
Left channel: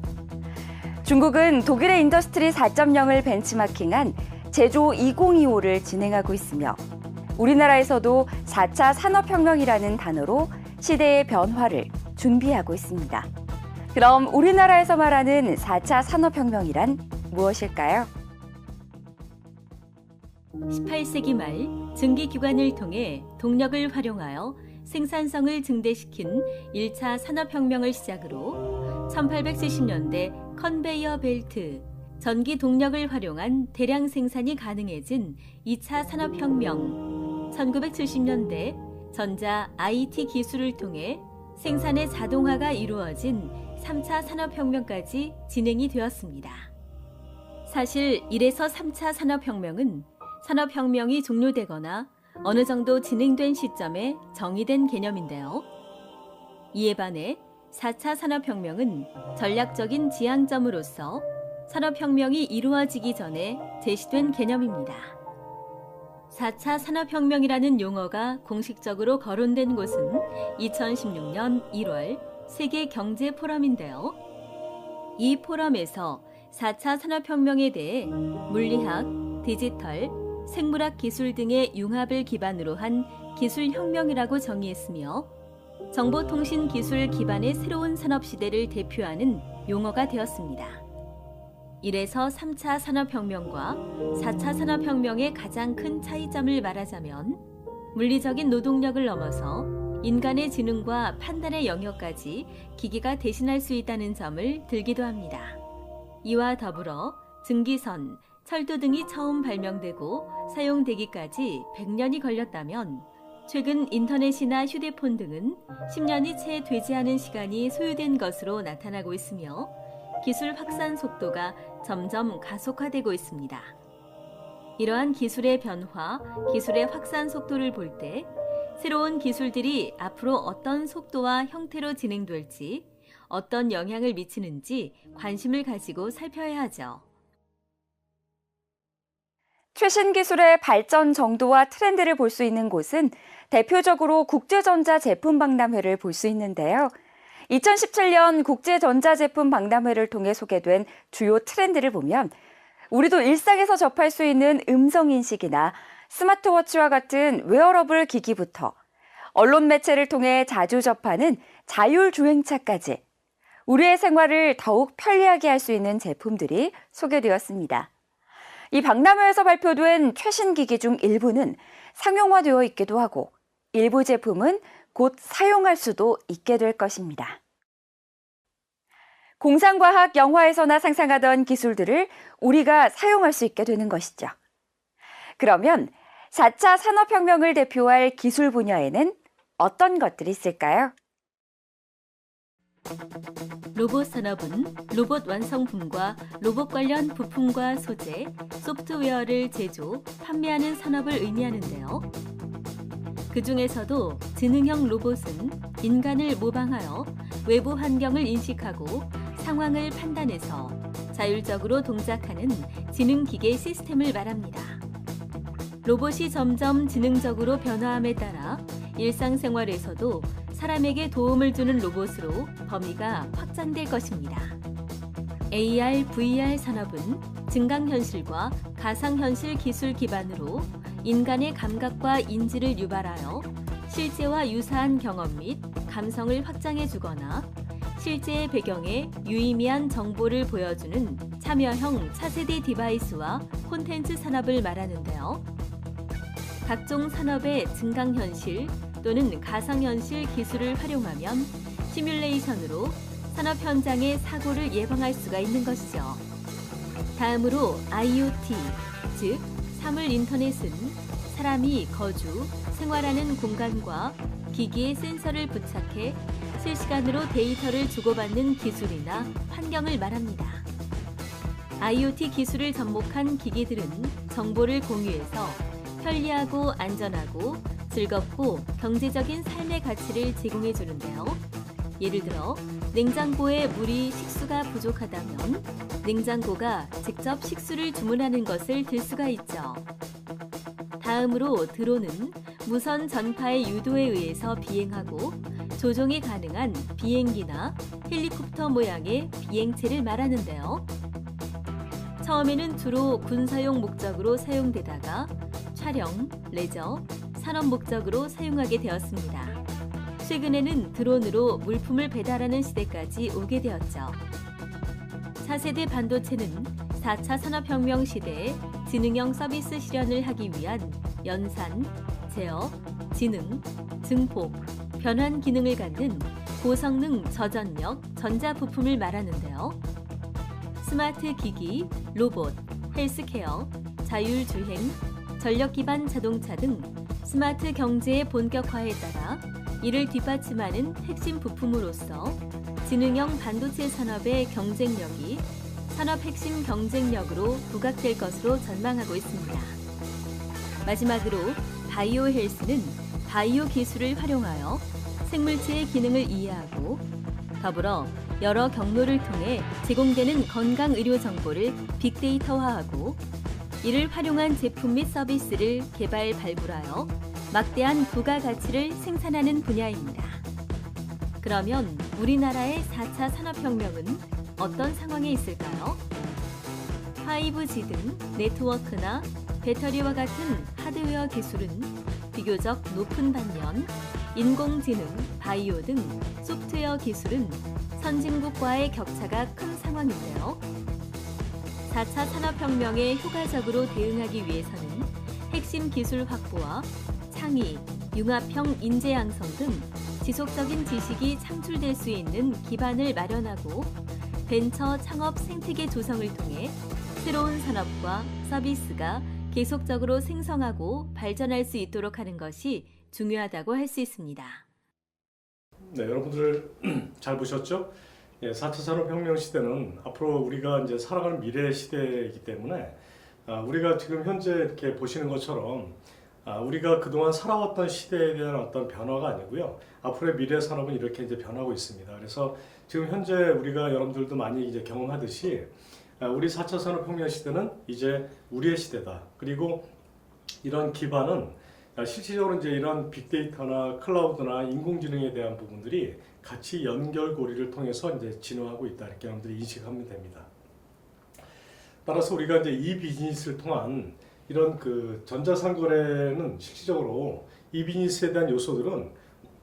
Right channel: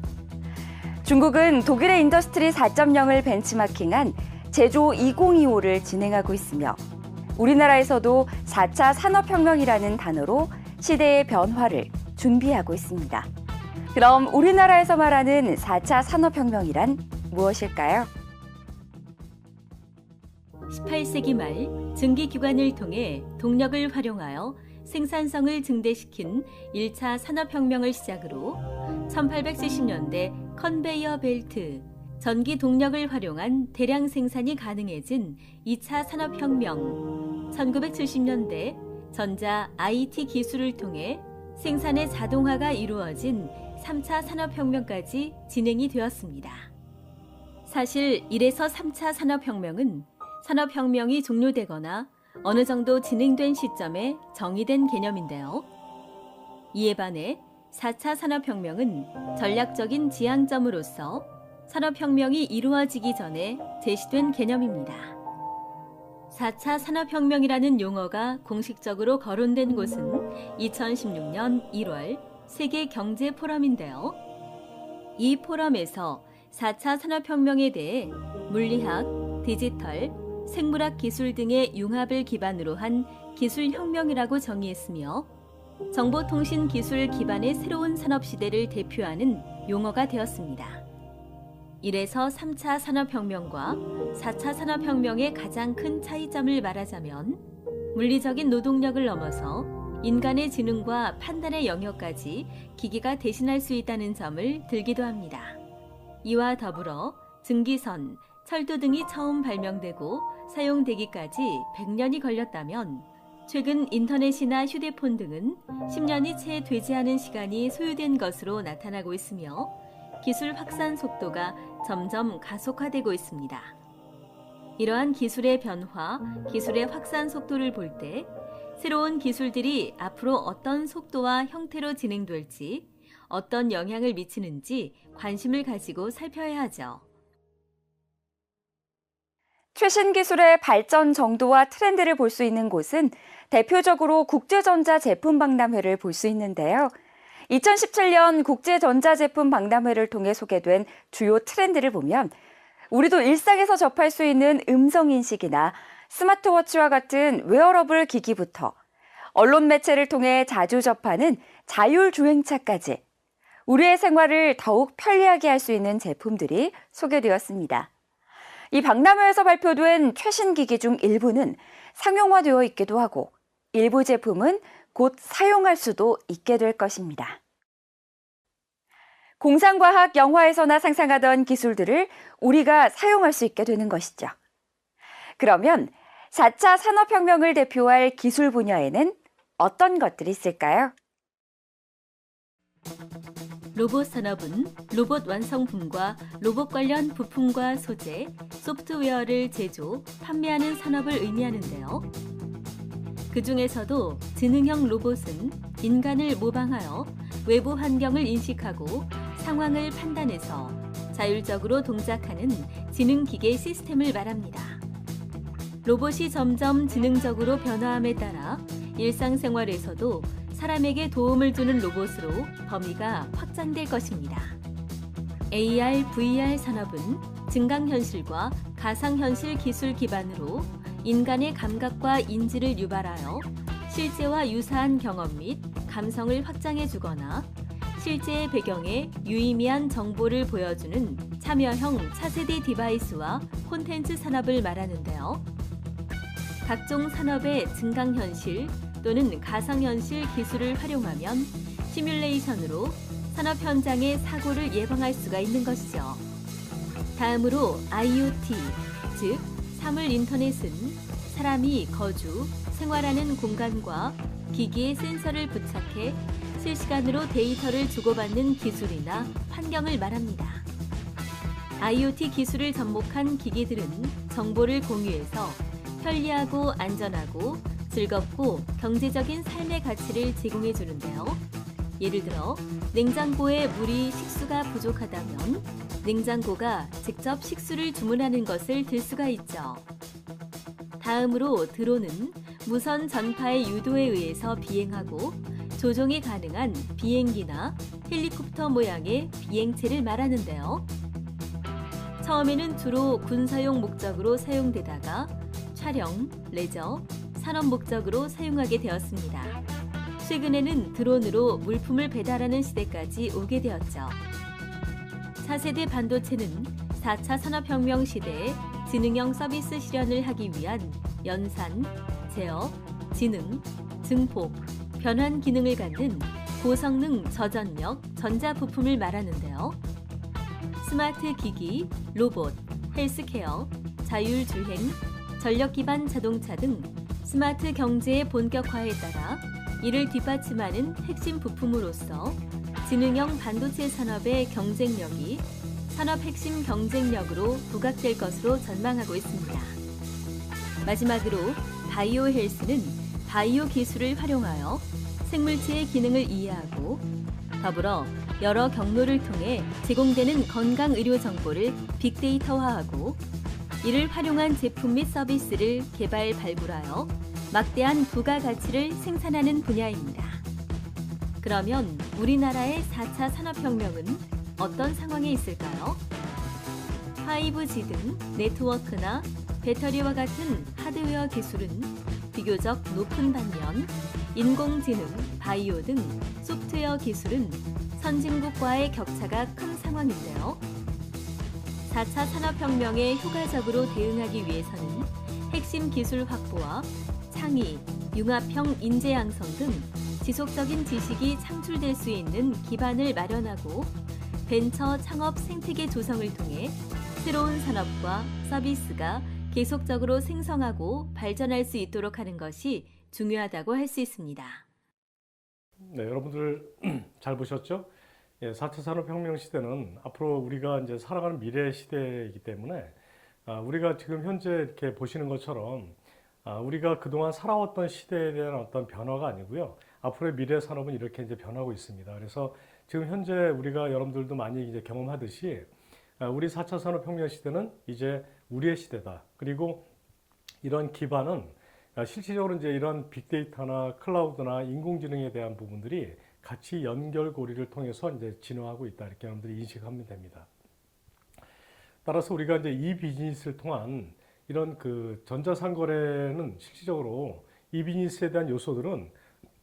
중국은 독일의 인더스트리 4.0을 벤치마킹한 제조 2025를 진행하고 있으며 우리나라에서도 4차 산업혁명이라는 단어로 시대의 변화를 준비하고 있습니다. 그럼 우리나라에서 말하는 4차 산업혁명이란 무엇일까요? 18세기 말 증기기관을 통해 동력을 활용하여 생산성을 증대시킨 1차 산업혁명을 시작으로 1870년대 컨베이어 벨트, 전기 동력을 활용한 대량 생산이 가능해진 2차 산업혁명, 1970년대 전자 IT 기술을 통해 생산의 자동화가 이루어진 3차 산업혁명까지 진행이 되었습니다. 사실 1에서 3차 산업혁명은 산업혁명이 종료되거나 어느 정도 진행된 시점에 정의된 개념인데요. 이에 반해 4차 산업혁명은 전략적인 지향점으로서 산업혁명이 이루어지기 전에 제시된 개념입니다. 4차 산업혁명이라는 용어가 공식적으로 거론된 곳은 2016년 1월 세계경제포럼인데요. 이 포럼에서 4차 산업혁명에 대해 물리학, 디지털, 생물학 기술 등의 융합을 기반으로 한 기술혁명이라고 정의했으며 정보통신 기술 기반의 새로운 산업시대를 대표하는 용어가 되었습니다. 1에서 3차 산업혁명과 4차 산업혁명의 가장 큰 차이점을 말하자면 물리적인 노동력을 넘어서 인간의 지능과 판단의 영역까지 기기가 대신할 수 있다는 점을 들기도 합니다. 이와 더불어 증기선, 철도 등이 처음 발명되고 사용되기까지 100년이 걸렸다면 최근 인터넷이나 휴대폰 등은 10년이 채 되지 않은 시간이 소요된 것으로 나타나고 있으며 기술 확산 속도가 점점 가속화되고 있습니다. 이러한 기술의 변화, 기술의 확산 속도를 볼 때 새로운 기술들이 앞으로 어떤 속도와 형태로 진행될지, 어떤 영향을 미치는지 관심을 가지고 살펴야 하죠. 최신 기술의 발전 정도와 트렌드를 볼 수 있는 곳은 대표적으로 국제전자제품박람회를 볼 수 있는데요. 2017년 국제전자제품박람회를 통해 소개된 주요 트렌드를 보면 우리도 일상에서 접할 수 있는 음성인식이나 스마트워치와 같은 웨어러블 기기부터 언론 매체를 통해 자주 접하는 자율주행차까지 우리의 생활을 더욱 편리하게 할 수 있는 제품들이 소개되었습니다. 이 박람회에서 발표된 최신 기기 중 일부는 상용화되어 있기도 하고 일부 제품은 곧 사용할 수도 있게 될 것입니다. 공상과학 영화에서나 상상하던 기술들을 우리가 사용할 수 있게 되는 것이죠. 그러면 4차 산업혁명을 대표할 기술 분야에는 어떤 것들이 있을까요? 로봇 산업은 로봇 완성품과 로봇 관련 부품과 소재, 소프트웨어를 제조, 판매하는 산업을 의미하는데요. 그 중에서도 지능형 로봇은 인간을 모방하여 외부 환경을 인식하고 상황을 판단해서 자율적으로 동작하는 지능기계 시스템을 말합니다. 로봇이 점점 지능적으로 변화함에 따라 일상생활에서도 사람에게 도움을 주는 로봇으로 범위가 확장될 것입니다. AR, VR 산업은 증강현실과 가상현실 기술 기반으로 인간의 감각과 인지를 유발하여 실제와 유사한 경험 및 감성을 확장해주거나 실제의 배경에 유의미한 정보를 보여주는 참여형 차세대 디바이스와 콘텐츠 산업을 말하는데요. 각종 산업의 증강현실 또는 가상현실 기술을 활용하면 시뮬레이션으로 산업 현장의 사고를 예방할 수가 있는 것이죠. 다음으로 IoT, 즉 사물 인터넷은 사람이 거주, 생활하는 공간과 기기에 센서를 부착해 실시간으로 데이터를 주고받는 기술이나 환경을 말합니다. IoT 기술을 접목한 기기들은 정보를 공유해서 편리하고 안전하고 즐겁고 경제적인 삶의 가치를 제공해 주는데요. 예를 들어 냉장고에 물이 식수가 부족하다면 냉장고가 직접 식수를 주문하는 것을 들 수가 있죠. 다음으로 드론은 무선 전파의 유도에 의해서 비행하고 조종이 가능한 비행기나 헬리콥터 모양의 비행체를 말하는데요. 처음에는 주로 군사용 목적으로 사용되다가 촬영, 레저, 산업 목적으로 사용하게 되었습니다. 최근에는 드론으로 물품을 배달하는 시대까지 오게 되었죠. 차세대 반도체는 4차 산업혁명 시대에 지능형 서비스 실현을 하기 위한 연산, 제어, 지능, 증폭, 변환 기능을 갖는 고성능 저전력 전자부품을 말하는데요. 스마트 기기, 로봇, 헬스케어, 자율주행, 전력 기반 자동차 등 스마트 경제의 본격화에 따라 이를 뒷받침하는 핵심 부품으로서 지능형 반도체 산업의 경쟁력이 산업 핵심 경쟁력으로 부각될 것으로 전망하고 있습니다. 마지막으로 바이오 헬스는 바이오 기술을 활용하여 생물체의 기능을 이해하고 더불어 여러 경로를 통해 제공되는 건강 의료 정보를 빅데이터화하고 이를 활용한 제품 및 서비스를 개발 발굴하여 막대한 부가가치를 생산하는 분야입니다. 그러면 우리나라의 4차 산업혁명은 어떤 상황에 있을까요? 5G 등 네트워크나 배터리와 같은 하드웨어 기술은 비교적 높은 반면 인공지능, 바이오 등 소프트웨어 기술은 선진국과의 격차가 큰 상황인데요. 4차 산업혁명에 효과적으로 대응하기 위해서는 핵심 기술 확보와 창의, 융합형 인재 양성 등 지속적인 지식이 창출될 수 있는 기반을 마련하고 벤처 창업 생태계 조성을 통해 새로운 산업과 서비스가 계속적으로 생성하고 발전할 수 있도록 하는 것이 중요하다고 할 수 있습니다. 네, 여러분들 잘 보셨죠? 예, 4차 산업혁명 시대는 앞으로 우리가 이제 살아가는 미래 시대이기 때문에 우리가 지금 현재 이렇게 보시는 것처럼 우리가 그동안 살아왔던 시대에 대한 어떤 변화가 아니고요. 앞으로의 미래 산업은 이렇게 이제 변하고 있습니다. 그래서 지금 현재 우리가 여러분들도 많이 이제 경험하듯이 우리 4차 산업혁명 시대는 이제 우리의 시대다. 그리고 이런 기반은 실질적으로 이제 이런 빅데이터나 클라우드나 인공지능에 대한 부분들이 같이 연결고리를 통해서 이제 진화하고 있다. 이렇게 여러분들이 인식하면 됩니다. 따라서 우리가 이제 이 비즈니스를 통한 이런 그 전자상거래는 실질적으로 이 비즈니스에 대한 요소들은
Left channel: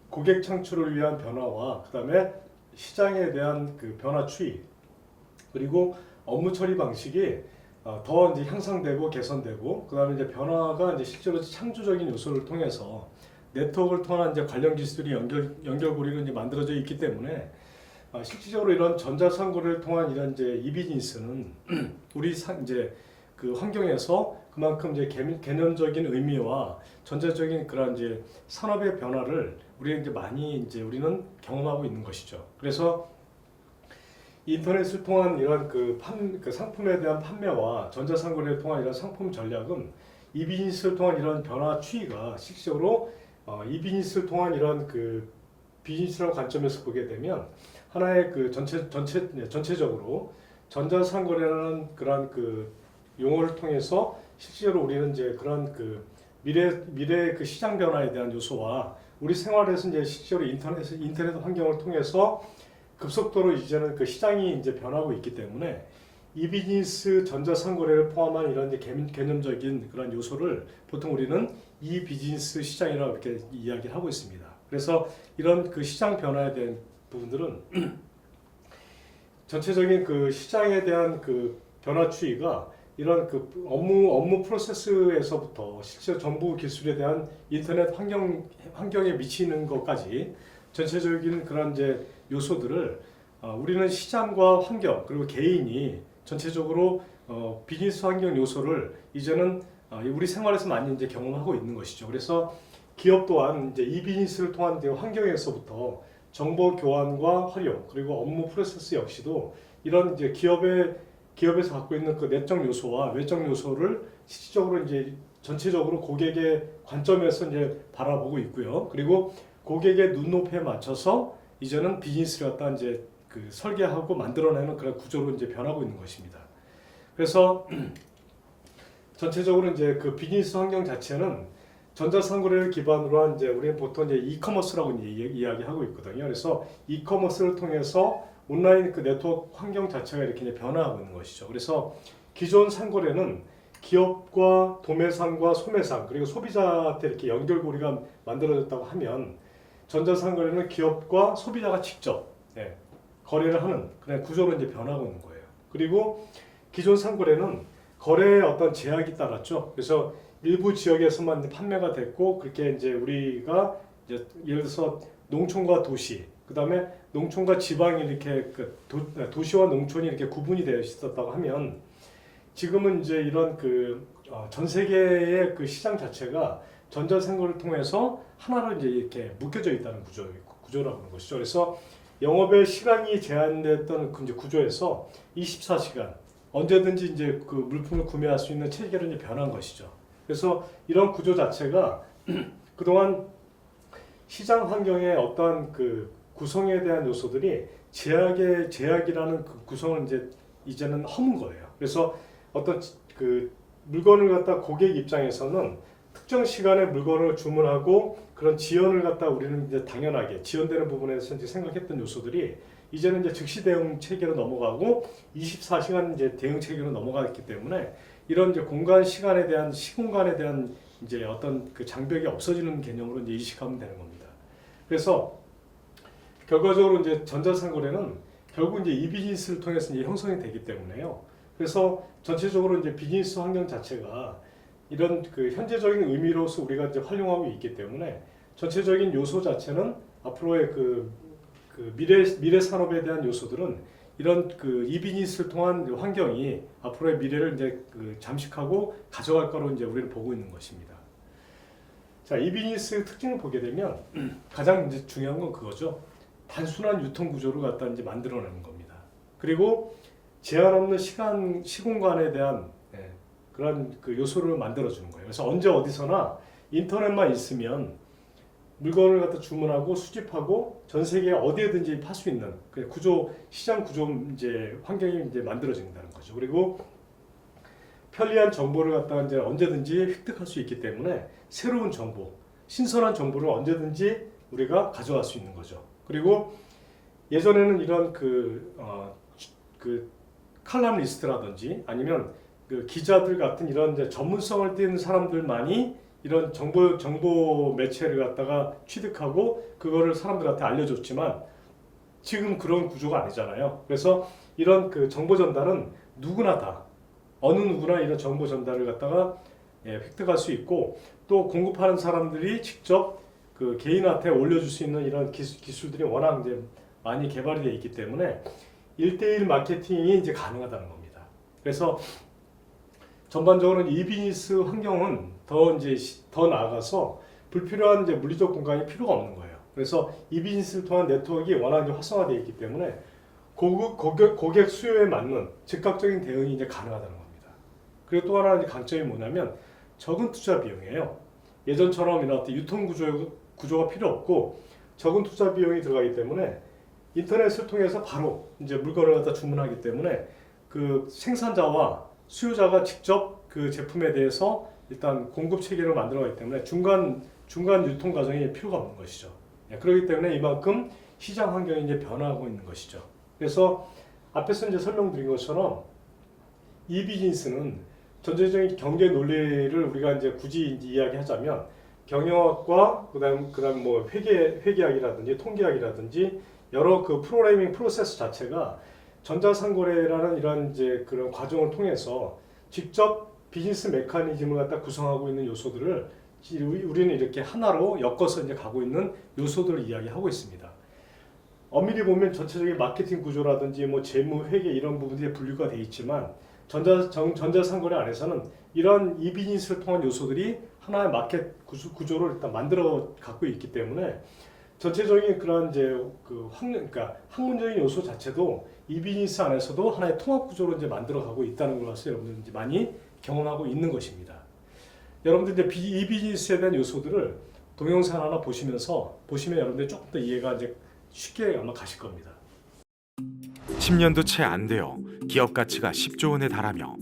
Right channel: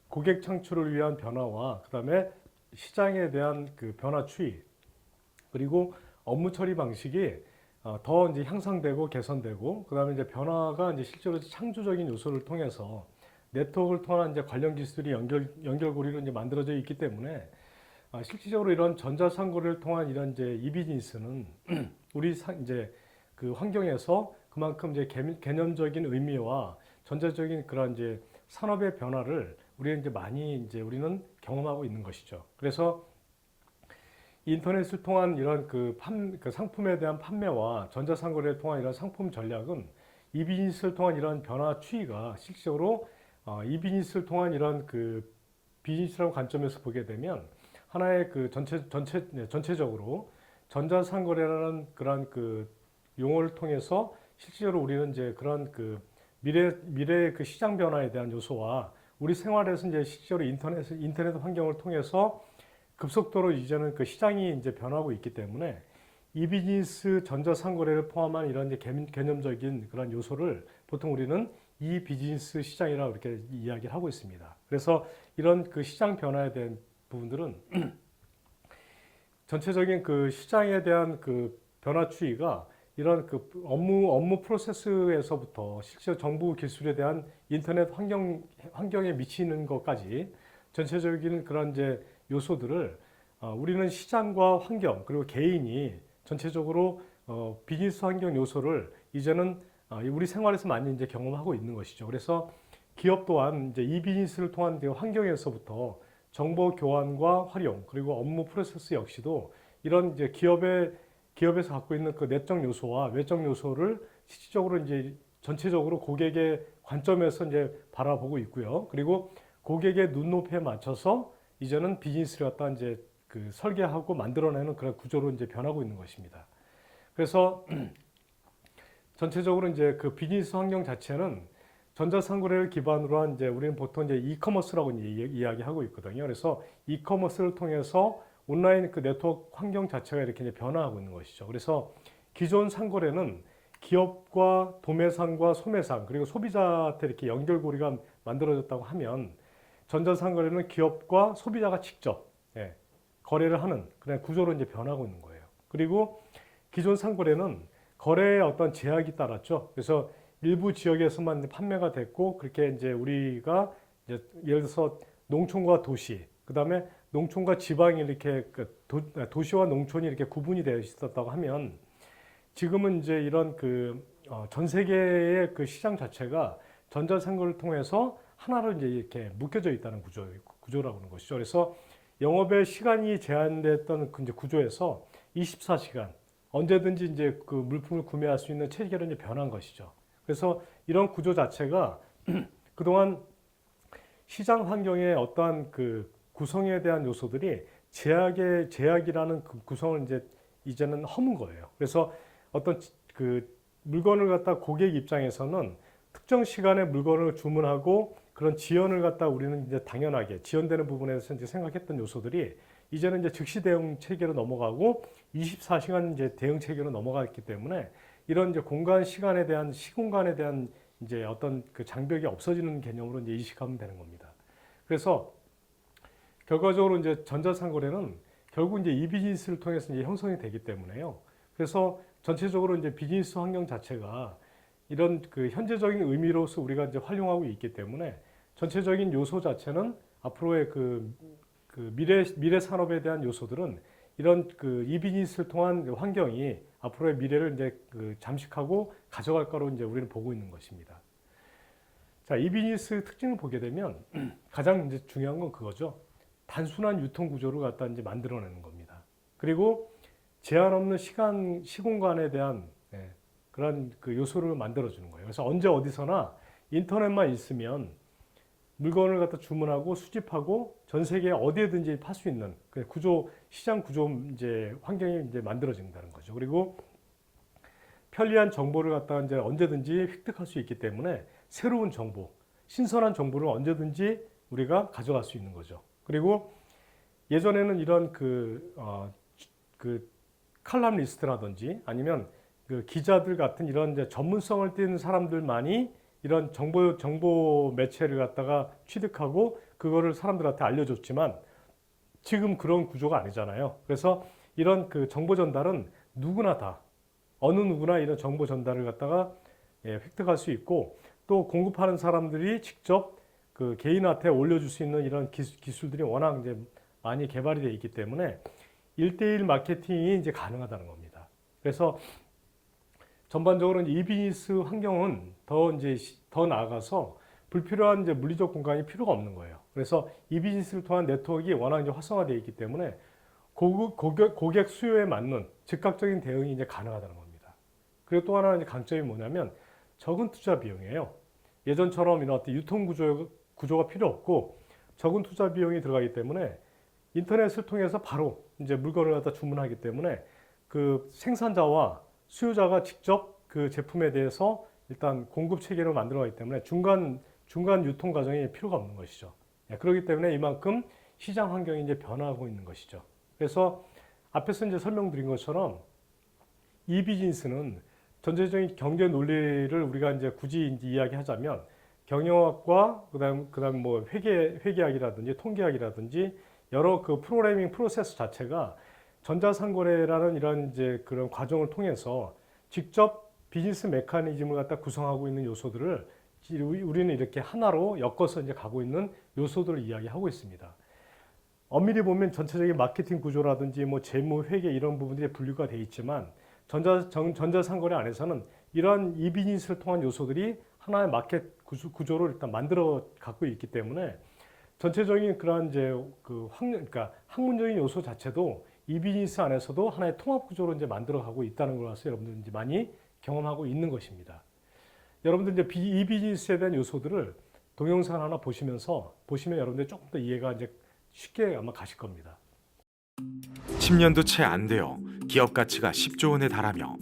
고객 창출을 위한 변화와 그다음에 시장에 대한 그 변화 추이 그리고 업무 처리 방식이 더 이제 향상되고 개선되고 그다음에 이제 변화가 이제 실제로 창조적인 요소를 통해서 네트워크를 통한 이제 관련 기술이 연결고리가 이제 만들어져 있기 때문에 실질적으로 이런 전자상거래를 통한 이런 이제 이 비즈니스는 우리 이제 그 환경에서 그만큼 이제 개념적인 의미와 전체적인 그런 이제 산업의 변화를 우리 이제 많이 이제 우리는 경험하고 있는 것이죠. 그래서 인터넷을 통한 이런 그 상품에 대한 판매와 전자상거래를 통한 이런 상품 전략은 이 비즈니스를 통한 이런 변화 추이가 실질적으로 이 비즈니스를 통한 이런 그 비즈니스라는 관점에서 보게 되면 하나의 그 전체적으로 전자상거래라는 그런 그 용어를 통해서 실제로 우리는 이제 그런 그 미래 그 시장 변화에 대한 요소와 우리 생활에서 이제 실제로 인터넷 환경을 통해서 급속도로 이제는 그 시장이 이제 변하고 있기 때문에 이 비즈니스 전자상거래를 포함한 이런 이제 개념적인 그런 요소를 보통 우리는 이 비즈니스 시장이라고 이렇게 이야기를 하고 있습니다. 그래서 이런 그 시장 변화에 대한 부분들은 전체적인 그 시장에 대한 그 변화 추이가 이런 그 업무 프로세스에서부터 실제 정보 기술에 대한 인터넷 환경에 미치는 것까지 전체적인 그런 이제 요소들을 우리는 시장과 환경 그리고 개인이 전체적으로 비즈니스 환경 요소를 이제는 우리 생활에서 많이 이제 경험하고 있는 것이죠. 그래서 기업 또한 이제 이 비즈니스를 통한 환경에서부터 정보 교환과 활용 그리고 업무 프로세스 역시도 이런 이제 기업에서 갖고 있는 그 내적 요소와 외적 요소를 실질적으로 이제 전체적으로 고객의 관점에서 이제 바라보고 있고요. 그리고 고객의 눈높이에 맞춰서 이제는 비즈니스를 갖다 이제 그 설계하고 만들어내는 그런 구조로 이제 변하고 있는 것입니다. 그래서 전체적으로 이제 그 비즈니스 환경 자체는 전자상거래를 기반으로 한 이제 우리는 보통 이제 이커머스라고 이제 이야기하고 있거든요. 그래서 이커머스를 통해서 온라인 그 네트워크 환경 자체가 이렇게 이제 변화하고 있는 것이죠. 그래서 기존 상거래는 기업과 도매상과 소매상 그리고 소비자한테 이렇게 연결고리가 만들어졌다고 하면 전자상거래는 기업과 소비자가 직접 거래를 하는 그런 구조로 이제 변하고 있는 거예요. 그리고 기존 상거래는 거래에 어떤 제약이 따랐죠. 그래서 일부 지역에서만 이제 판매가 됐고 그렇게 이제 우리가 이제 예를 들어서 농촌과 도시, 그다음에 농촌과 지방이 이렇게 도시와 농촌이 이렇게 구분이 되어 있었다고 하면 지금은 이제 이런 전 세계의 그 시장 자체가 전자상거래를 통해서 하나로 이제 이렇게 묶여져 있다는 구조라고 하는 것이죠. 그래서 영업의 시간이 제한됐던 그 이제 구조에서 24시간 언제든지 이제 그 물품을 구매할 수 있는 체계로 이제 변한 것이죠. 그래서 이런 구조 자체가 그동안 시장 환경의 어떠한 그 구성에 대한 요소들이 제약이라는 그 구성을 이제는 허문 거예요. 그래서 어떤 그 물건을 갖다 고객 입장에서는 특정 시간에 물건을 주문하고 그런 지연을 갖다 우리는 이제 당연하게 지연되는 부분에서 이제 생각했던 요소들이 이제는 이제 즉시 대응 체계로 넘어가고 24시간 이제 대응 체계로 넘어갔기 때문에 이런 이제 시공간에 대한 이제 어떤 그 장벽이 없어지는 개념으로 이제 인식하면 되는 겁니다. 그래서 결과적으로 이제 전자상거래는 결국 이제 이 비즈니스를 통해서 이제 형성이 되기 때문에요. 그래서 전체적으로 이제 비즈니스 환경 자체가 이런 그 현재적인 의미로서 우리가 이제 활용하고 있기 때문에 전체적인 요소 자체는 앞으로의 그 미래 산업에 대한 요소들은 이런 그 이 비즈니스를 통한 환경이 앞으로의 미래를 이제 그 잠식하고 가져갈 거로 이제 우리는 보고 있는 것입니다. 자, 이 비즈니스 특징을 보게 되면 가장 이제 중요한 건 그거죠. 단순한 유통 구조를 갖다 이제 만들어내는 겁니다. 그리고 제한 없는 시공간에 대한 그런 그 요소를 만들어주는 거예요. 그래서 언제 어디서나 인터넷만 있으면 물건을 갖다 주문하고 수집하고 전 세계 어디에든지 팔 수 있는 그 시장 구조 이제 환경이 이제 만들어진다는 거죠. 그리고 편리한 정보를 갖다가 이제 언제든지 획득할 수 있기 때문에 새로운 정보, 신선한 정보를 언제든지 우리가 가져갈 수 있는 거죠. 그리고 예전에는 이런 그 칼럼 리스트라든지 아니면 그 기자들 같은 이런 이제 전문성을 띠는 사람들만이 이런 정보 매체를 갖다가 취득하고 그거를 사람들한테 알려줬지만 지금 그런 구조가 아니잖아요. 그래서 이런 그 정보 전달은 어느 누구나 이런 정보 전달을 갖다가 획득할 수 있고 또 공급하는 사람들이 직접 그 개인한테 올려줄 수 있는 이런 기술들이 워낙 이제 많이 개발이 되어 있기 때문에 1대1 마케팅이 이제 가능하다는 겁니다. 그래서 전반적으로 이 비즈니스 환경은 더 나아가서 불필요한 이제 물리적 공간이 필요가 없는 거예요. 그래서 이 비즈니스를 통한 네트워크가 워낙 이제 활성화되어 있기 때문에 고객 수요에 맞는 즉각적인 대응이 이제 가능하다는 겁니다. 그리고 또 하나 이제 강점이 뭐냐면 적은 투자 비용이에요. 예전처럼 이런 유통 구조가 필요 없고 적은 투자 비용이 들어가기 때문에 인터넷을 통해서 바로 이제 물건을 갖다 주문하기 때문에 그 생산자와 수요자가 직접 그 제품에 대해서 일단 공급 체계를 만들어가기 때문에 중간 유통 과정이 필요가 없는 것이죠. 그렇기 때문에 이만큼 시장 환경이 이제 변화하고 있는 것이죠. 그래서 앞에서 이제 설명드린 것처럼 이 비즈니스는 전체적인 경제 논리를 우리가 이제 굳이 이야기하자면 경영학과 그다음 뭐 회계학이라든지 통계학이라든지 여러 그 프로그래밍 프로세스 자체가 전자상거래라는 이런 이제 그런 과정을 통해서 직접 비즈니스 메커니즘을 갖다 구성하고 있는 요소들을 우리는 이렇게 하나로 엮어서 이제 가고 있는 요소들을 이야기하고 있습니다. 엄밀히 보면 전체적인 마케팅 구조라든지 뭐 재무, 회계 이런 부분들이 분류가 되어 있지만 전자상거래 안에서는 이런 이 비즈니스를 통한 요소들이 하나의 마켓 구조를 일단 만들어 갖고 있기 때문에 전체적인 그런 이제 그러니까 학문적인 요소 자체도 이 비즈니스 안에서도 하나의 통합 구조로 이제 만들어 가고 있다는 것을 여러분들 이제 많이 경험하고 있는 것입니다. 여러분들 이제 이 비즈니스에 대한 요소들을 동영상 하나 보시면 여러분들 조금 더 이해가 이제 쉽게 아마 가실 겁니다. 10년도 채 안 되어 기업 가치가 10조 원에 달하며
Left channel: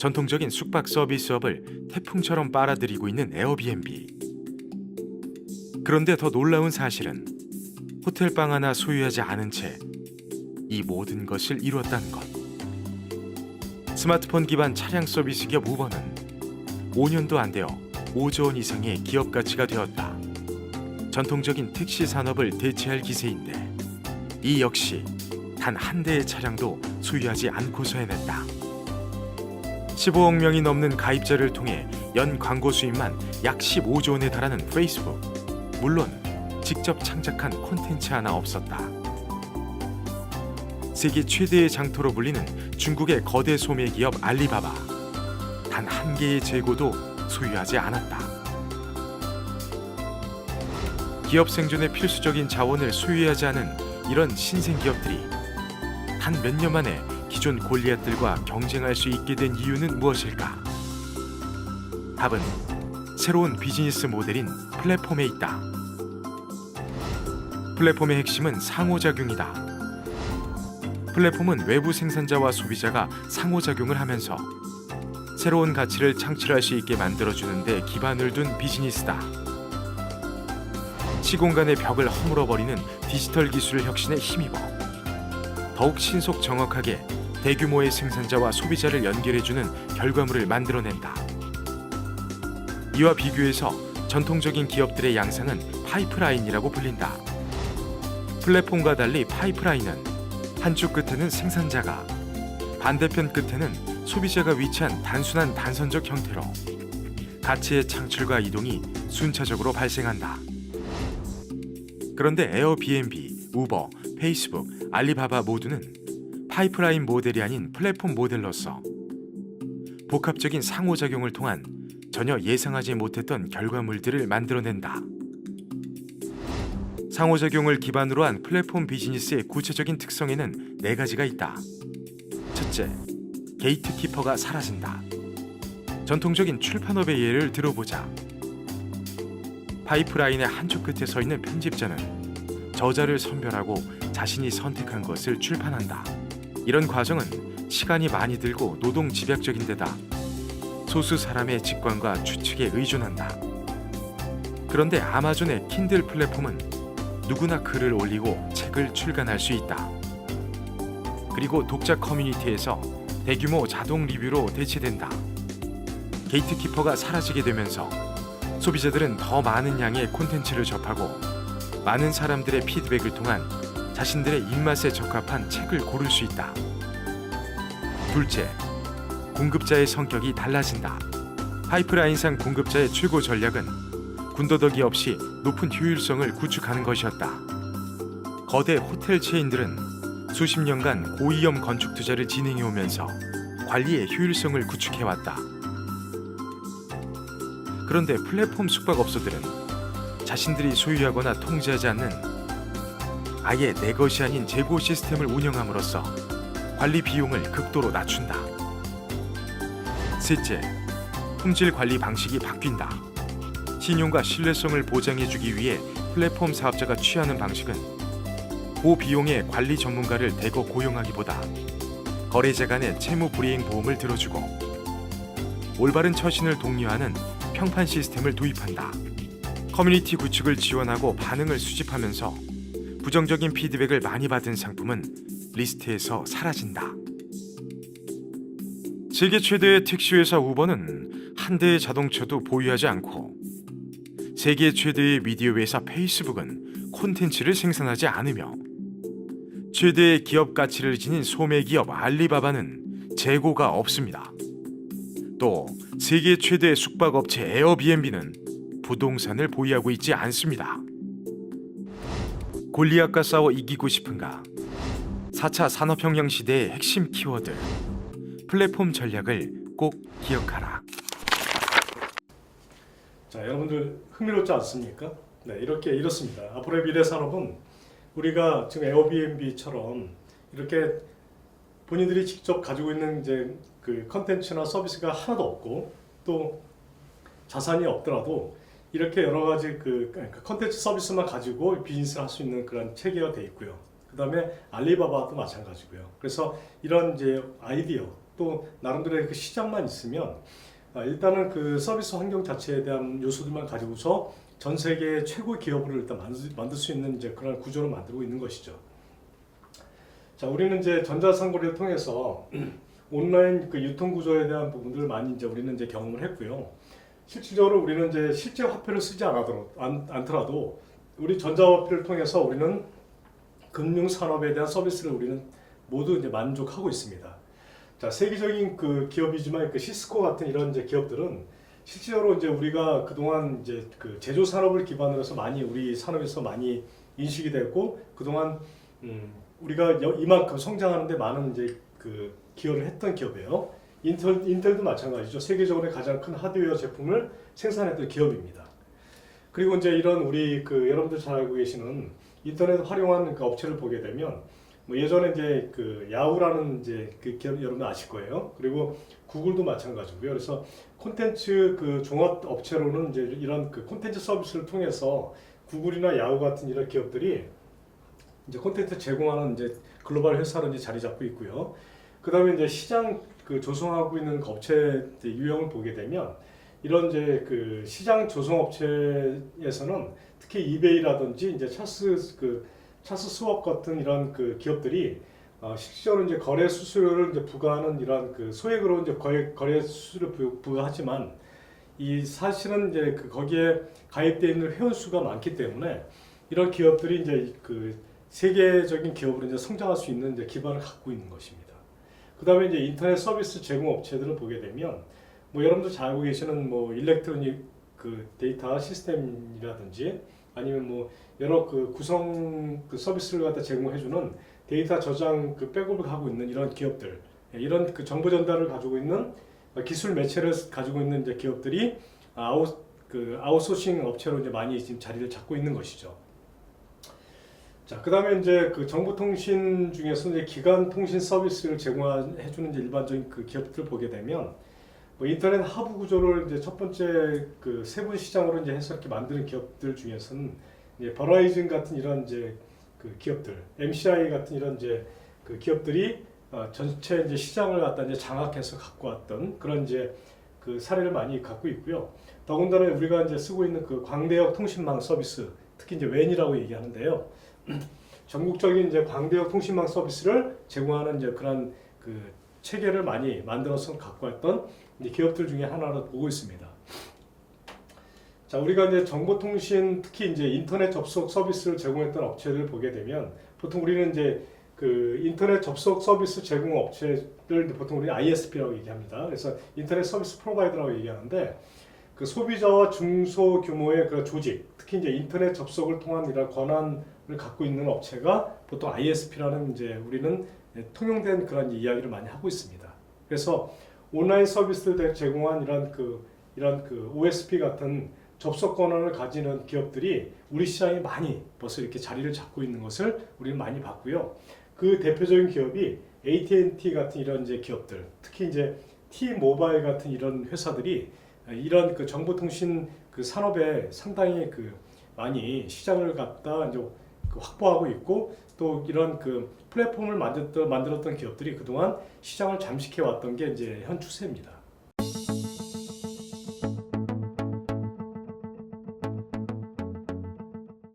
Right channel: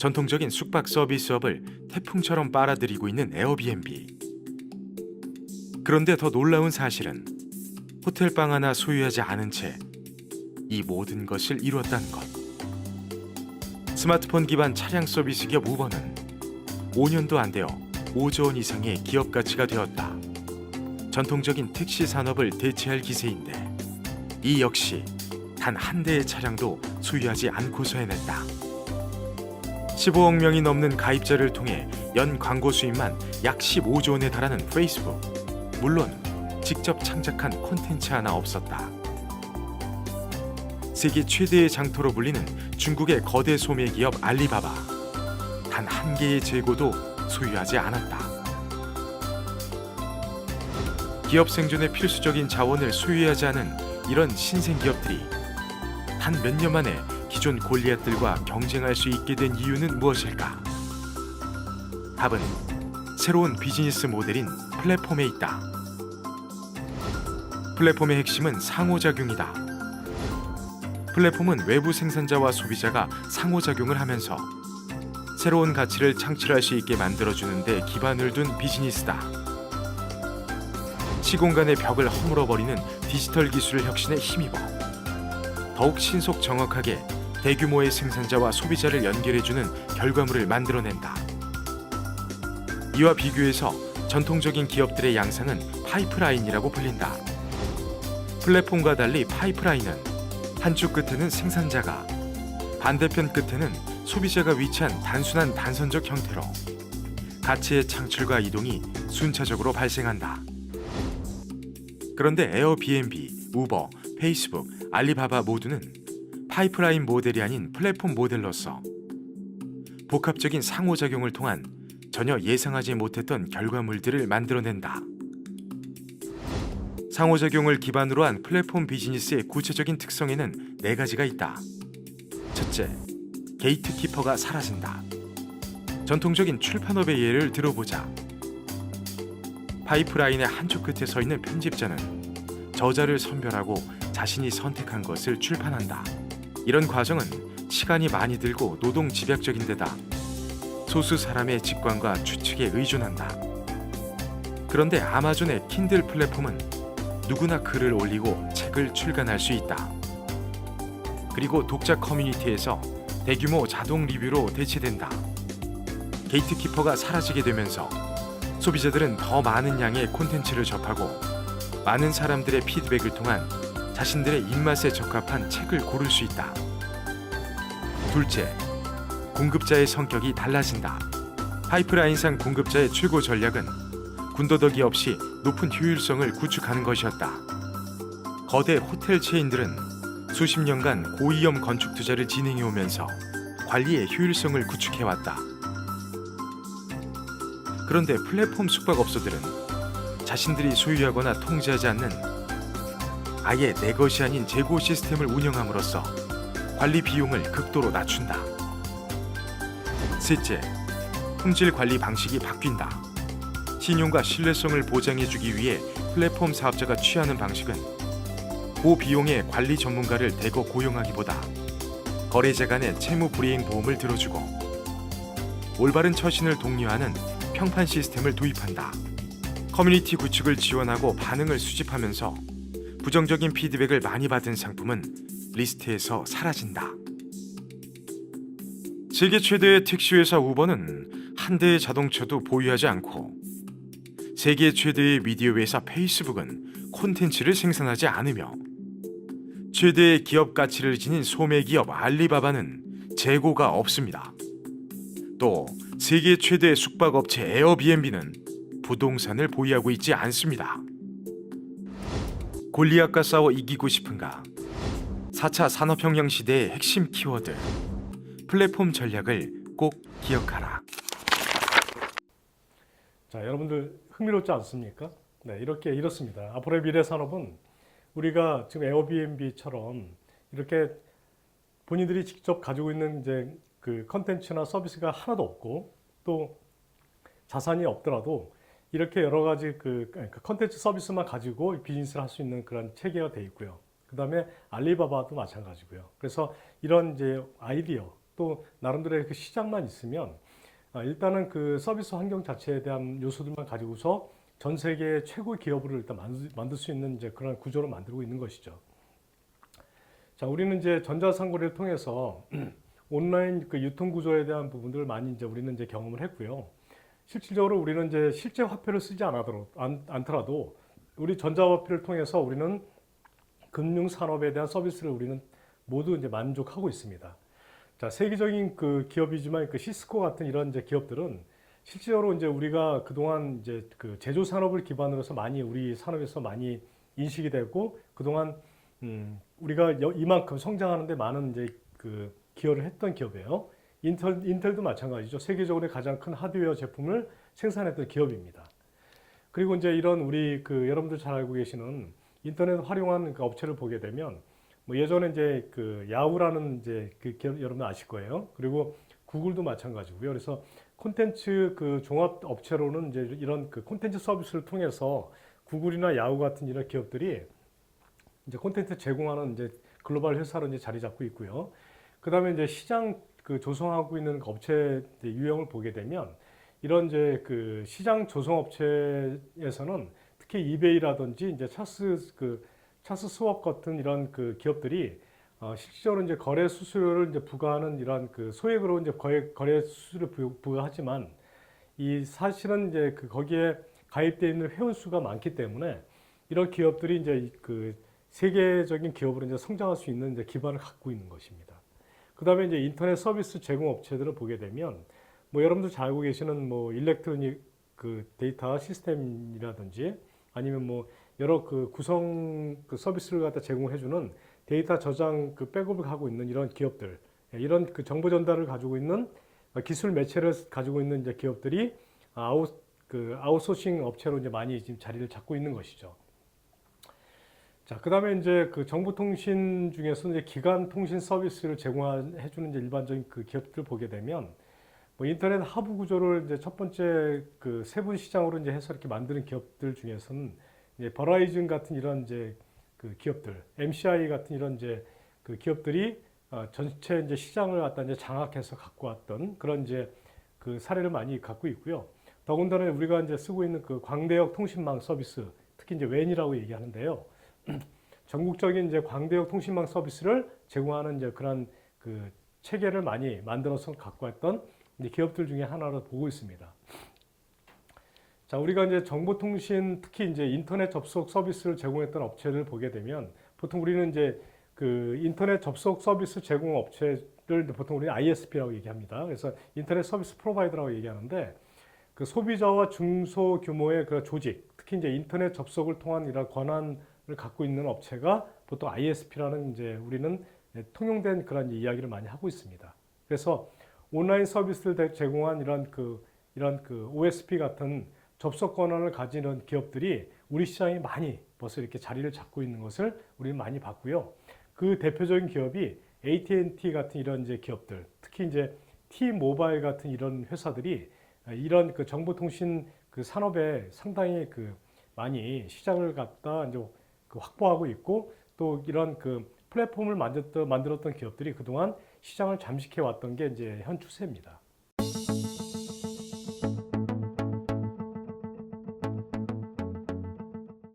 전통적인 숙박 서비스업을 태풍처럼 빨아들이고 있는 에어비앤비. 그런데 더 놀라운 사실은 호텔방 하나 소유하지 않은 채 이 모든 것을 이루었다는 것. 스마트폰 기반 차량 서비스 기업 우버는 5년도 안 되어 5조 원 이상의 기업 가치가 되었다. 전통적인 택시 산업을 대체할 기세인데 이 역시 단 한 대의 차량도 소유하지 않고서 해냈다. 15억 명이 넘는 가입자를 통해 연 광고 수입만 약 15조 원에 달하는 페이스북. 물론 직접 창작한 콘텐츠 하나 없었다. 세계 최대의 장터로 불리는 중국의 거대 소매 기업 알리바바. 단 한 개의 재고도 소유하지 않았다. 기업 생존에 필수적인 자원을 소유하지 않은 이런 신생 기업들이 단 몇 년 만에 기존 골리앗들과 경쟁할 수 있게 된 이유는 무엇일까? 답은 새로운 비즈니스 모델인 플랫폼에 있다. 플랫폼의 핵심은 상호작용이다. 플랫폼은 외부 생산자와 소비자가 상호작용을 하면서 새로운 가치를 창출할 수 있게 만들어주는 데 기반을 둔 비즈니스다. 시공간의 벽을 허물어버리는 디지털 기술을 혁신에 힘입어 더욱 신속 정확하게 대규모의 생산자와 소비자를 연결해주는 결과물을 만들어낸다. 이와 비교해서 전통적인 기업들의 양상은 파이프라인이라고 불린다. 플랫폼과 달리 파이프라인은 한쪽 끝에는 생산자가, 반대편 끝에는 소비자가 위치한 단순한 단선적 형태로 가치의 창출과 이동이 순차적으로 발생한다. 그런데 에어비앤비, 우버, 페이스북, 알리바바 모두는 파이프라인 모델이 아닌 플랫폼 모델로서 복합적인 상호작용을 통한 전혀 예상하지 못했던 결과물들을 만들어낸다. 상호작용을 기반으로 한 플랫폼 비즈니스의 구체적인 특성에는 4가지가 있다. 첫째, 게이트키퍼가 사라진다. 전통적인 출판업의 예를 들어보자. 파이프라인의 한쪽 끝에 서 있는 편집자는 저자를 선별하고 자신이 선택한 것을 출판한다. 이런 과정은 시간이 많이 들고 노동 집약적인 데다 소수 사람의 직관과 추측에 의존한다. 그런데 아마존의 킨들 플랫폼은 누구나 글을 올리고 책을 출간할 수 있다. 그리고 독자 커뮤니티에서 대규모 자동 리뷰로 대체된다. 게이트키퍼가 사라지게 되면서 소비자들은 더 많은 양의 콘텐츠를 접하고 많은 사람들의 피드백을 통한 자신들의 입맛에 적합한 책을 고를 수 있다. 둘째, 공급자의 성격이 달라진다. 파이프라인상 공급자의 최고 전략은 군더더기 없이 높은 효율성을 구축하는 것이었다. 거대 호텔 체인들은 수십 년간 고위험 건축 투자를 진행해 오면서 관리의 효율성을 구축해왔다. 그런데 플랫폼 숙박업소들은 자신들이 소유하거나 통제하지 않는 아예 내 것이 아닌 재고 시스템을 운영함으로써 관리 비용을 극도로 낮춘다. 셋째, 품질 관리 방식이 바뀐다. 신용과 신뢰성을 보장해주기 위해 플랫폼 사업자가 취하는 방식은 고비용의 관리 전문가를 대거 고용하기보다 거래자 간의 채무 불이행 보험을 들어주고 올바른 처신을 독려하는 평판 시스템을 도입한다. 커뮤니티 구축을 지원하고 반응을 수집하면서 부정적인 피드백을 많이 받은 상품은 리스트에서 사라진다. 세계 최대의 택시회사 우버는 한 대의 자동차도 보유하지 않고 세계 최대의 미디어 회사 페이스북은 콘텐츠를 생산하지 않으며 최대의 기업 가치를 지닌 소매 기업 알리바바는 재고가 없습니다. 또 세계 최대 숙박업체 에어비앤비는 부동산을 보유하고 있지 않습니다. 골리앗과 싸워 이기고 싶은가? 4차 산업혁명 시대의 핵심 키워드, 플랫폼 전략을 꼭 기억하라. 자, 여러분들 흥미롭지 않습니까? 네, 이렇습니다. 앞으로의 미래 산업은 우리가 지금 에어비앤비처럼 이렇게 본인들이 직접 가지고 있는 이제 그 컨텐츠나 서비스가 하나도 없고 또 자산이 없더라도 이렇게 여러 가지 그 컨텐츠 서비스만 가지고 비즈니스를 할 수 있는 그런 체계가 돼 있고요. 그 다음에 알리바바도 마찬가지고요. 그래서 이런 이제 아이디어 또 나름대로의 그 시장만 있으면 일단은 그 서비스 환경 자체에 대한 요소들만 가지고서 전 세계 최고 기업을 일단 만들 수 있는 이제 그런 구조를 만들고 있는 것이죠. 자, 우리는 이제 전자상거래를 통해서 온라인 그 유통 구조에 대한 부분들을 많이 이제 우리는 이제 경험을 했고요. 실질적으로 우리는 이제 실제 화폐를 쓰지 않더라도 우리 전자화폐를 통해서 우리는 금융 산업에 대한 서비스를 우리는 모두 이제 만족하고 있습니다. 자, 세계적인 그 기업이지만 그 시스코 같은 이런 이제 기업들은 실제로 이제 우리가 그동안 이제 그 제조 산업을 기반으로 해서 많이 우리 산업에서 많이 인식이 됐고 그동안 우리가 이만큼 성장하는데 많은 이제 그 기여를 했던 기업이에요. 인텔도 마찬가지죠. 세계적으로 가장 큰 하드웨어 제품을 생산했던 기업입니다. 그리고 이제 이런 우리 그 여러분들 잘 알고 계시는 인터넷 활용한 그 업체를 보게 되면 뭐 예전에 이제 그 야후라는 이제 그 기업 여러분 아실 거예요. 그리고 구글도 마찬가지고요. 그래서 콘텐츠 그 종합 업체로는 이제 이런 그 콘텐츠 서비스를 통해서 구글이나 야후 같은 이런 기업들이 이제 콘텐츠 제공하는 이제 글로벌 회사로 이제 자리 잡고 있고요. 그다음에 이제 시장 그 조성하고 있는 그 업체 유형을 보게 되면 이런 이제 그 시장 조성 업체에서는 특히 이베이라든지 이제 찰스 스왑 같은 이런 그 기업들이 실질적으로 이제 거래 수수료를 이제 부과하는 이런 그 소액으로 이제 거래 수수료를 부과하지만 이 사실은 이제 그 거기에 가입되어 있는 회원 수가 많기 때문에 이런 기업들이 이제 그 세계적인 기업으로 이제 성장할 수 있는 이제 기반을 갖고 있는 것입니다. 그다음에 이제 인터넷 서비스 제공 업체들을 보게 되면 뭐 여러분들 잘 알고 계시는 뭐 일렉트로닉 그 데이터 시스템이라든지 아니면 뭐 여러 그 구성 그 서비스를 갖다 제공해주는 데이터 저장 그 백업을 하고 있는 이런 기업들, 이런 그 정보 전달을 가지고 있는 기술 매체를 가지고 있는 이제 기업들이 아웃소싱 업체로 이제 많이 지금 자리를 잡고 있는 것이죠. 자, 그다음에 이제 그 정보통신 중에서 이제 기간 통신 서비스를 제공해주는 이제 일반적인 그 기업들 보게 되면 뭐 인터넷 하부 구조를 이제 첫 번째 그 세분 시장으로 이제 해서 이렇게 만드는 기업들 중에서는 이제 버라이즌 같은 이런 이제 그 기업들, MCI 같은 이런 이제 그 기업들이 전체 이제 시장을 갖다 이제 장악해서 갖고 왔던 그런 이제 그 사례를 많이 갖고 있고요. 더군다나 우리가 이제 쓰고 있는 그 광대역 통신망 서비스, 특히 이제 웬이라고 얘기하는데요. 전국적인 이제 광대역 통신망 서비스를 제공하는 이제 그런 그 체계를 많이 만들어서 갖고 왔던 이제 기업들 중에 하나로 보고 있습니다. 자, 우리가 이제 정보통신 특히 이제 인터넷 접속 서비스를 제공했던 업체들을 보게 되면 보통 우리는 이제 그 인터넷 접속 서비스 제공 업체를 보통 우리는 ISP라고 얘기합니다. 그래서 인터넷 서비스 프로바이더라고 얘기하는데 그 소비자와 중소규모의 그 조직, 특히 이제 인터넷 접속을 통한 이런 권한을 갖고 있는 업체가 보통 ISP라는 이제 우리는 통용된 그런 이야기를 많이 하고 있습니다. 그래서 온라인 서비스를 제공한 이런 그 OSP 같은 접속 권한을 가지는 기업들이 우리 시장에 많이 벌써 이렇게 자리를 잡고 있는 것을 우리는 많이 봤고요. 그 대표적인 기업이 AT&T 같은 이런 이제 기업들, 특히 이제 T-모바일 같은 이런 회사들이 이런 그 정보통신 그 산업에 상당히 그 많이 시장을 갖다 이제 그 확보하고 있고 또 이런 그 플랫폼을 만들었던 기업들이 그동안 시장을 잠식해 왔던 게 이제 현 추세입니다.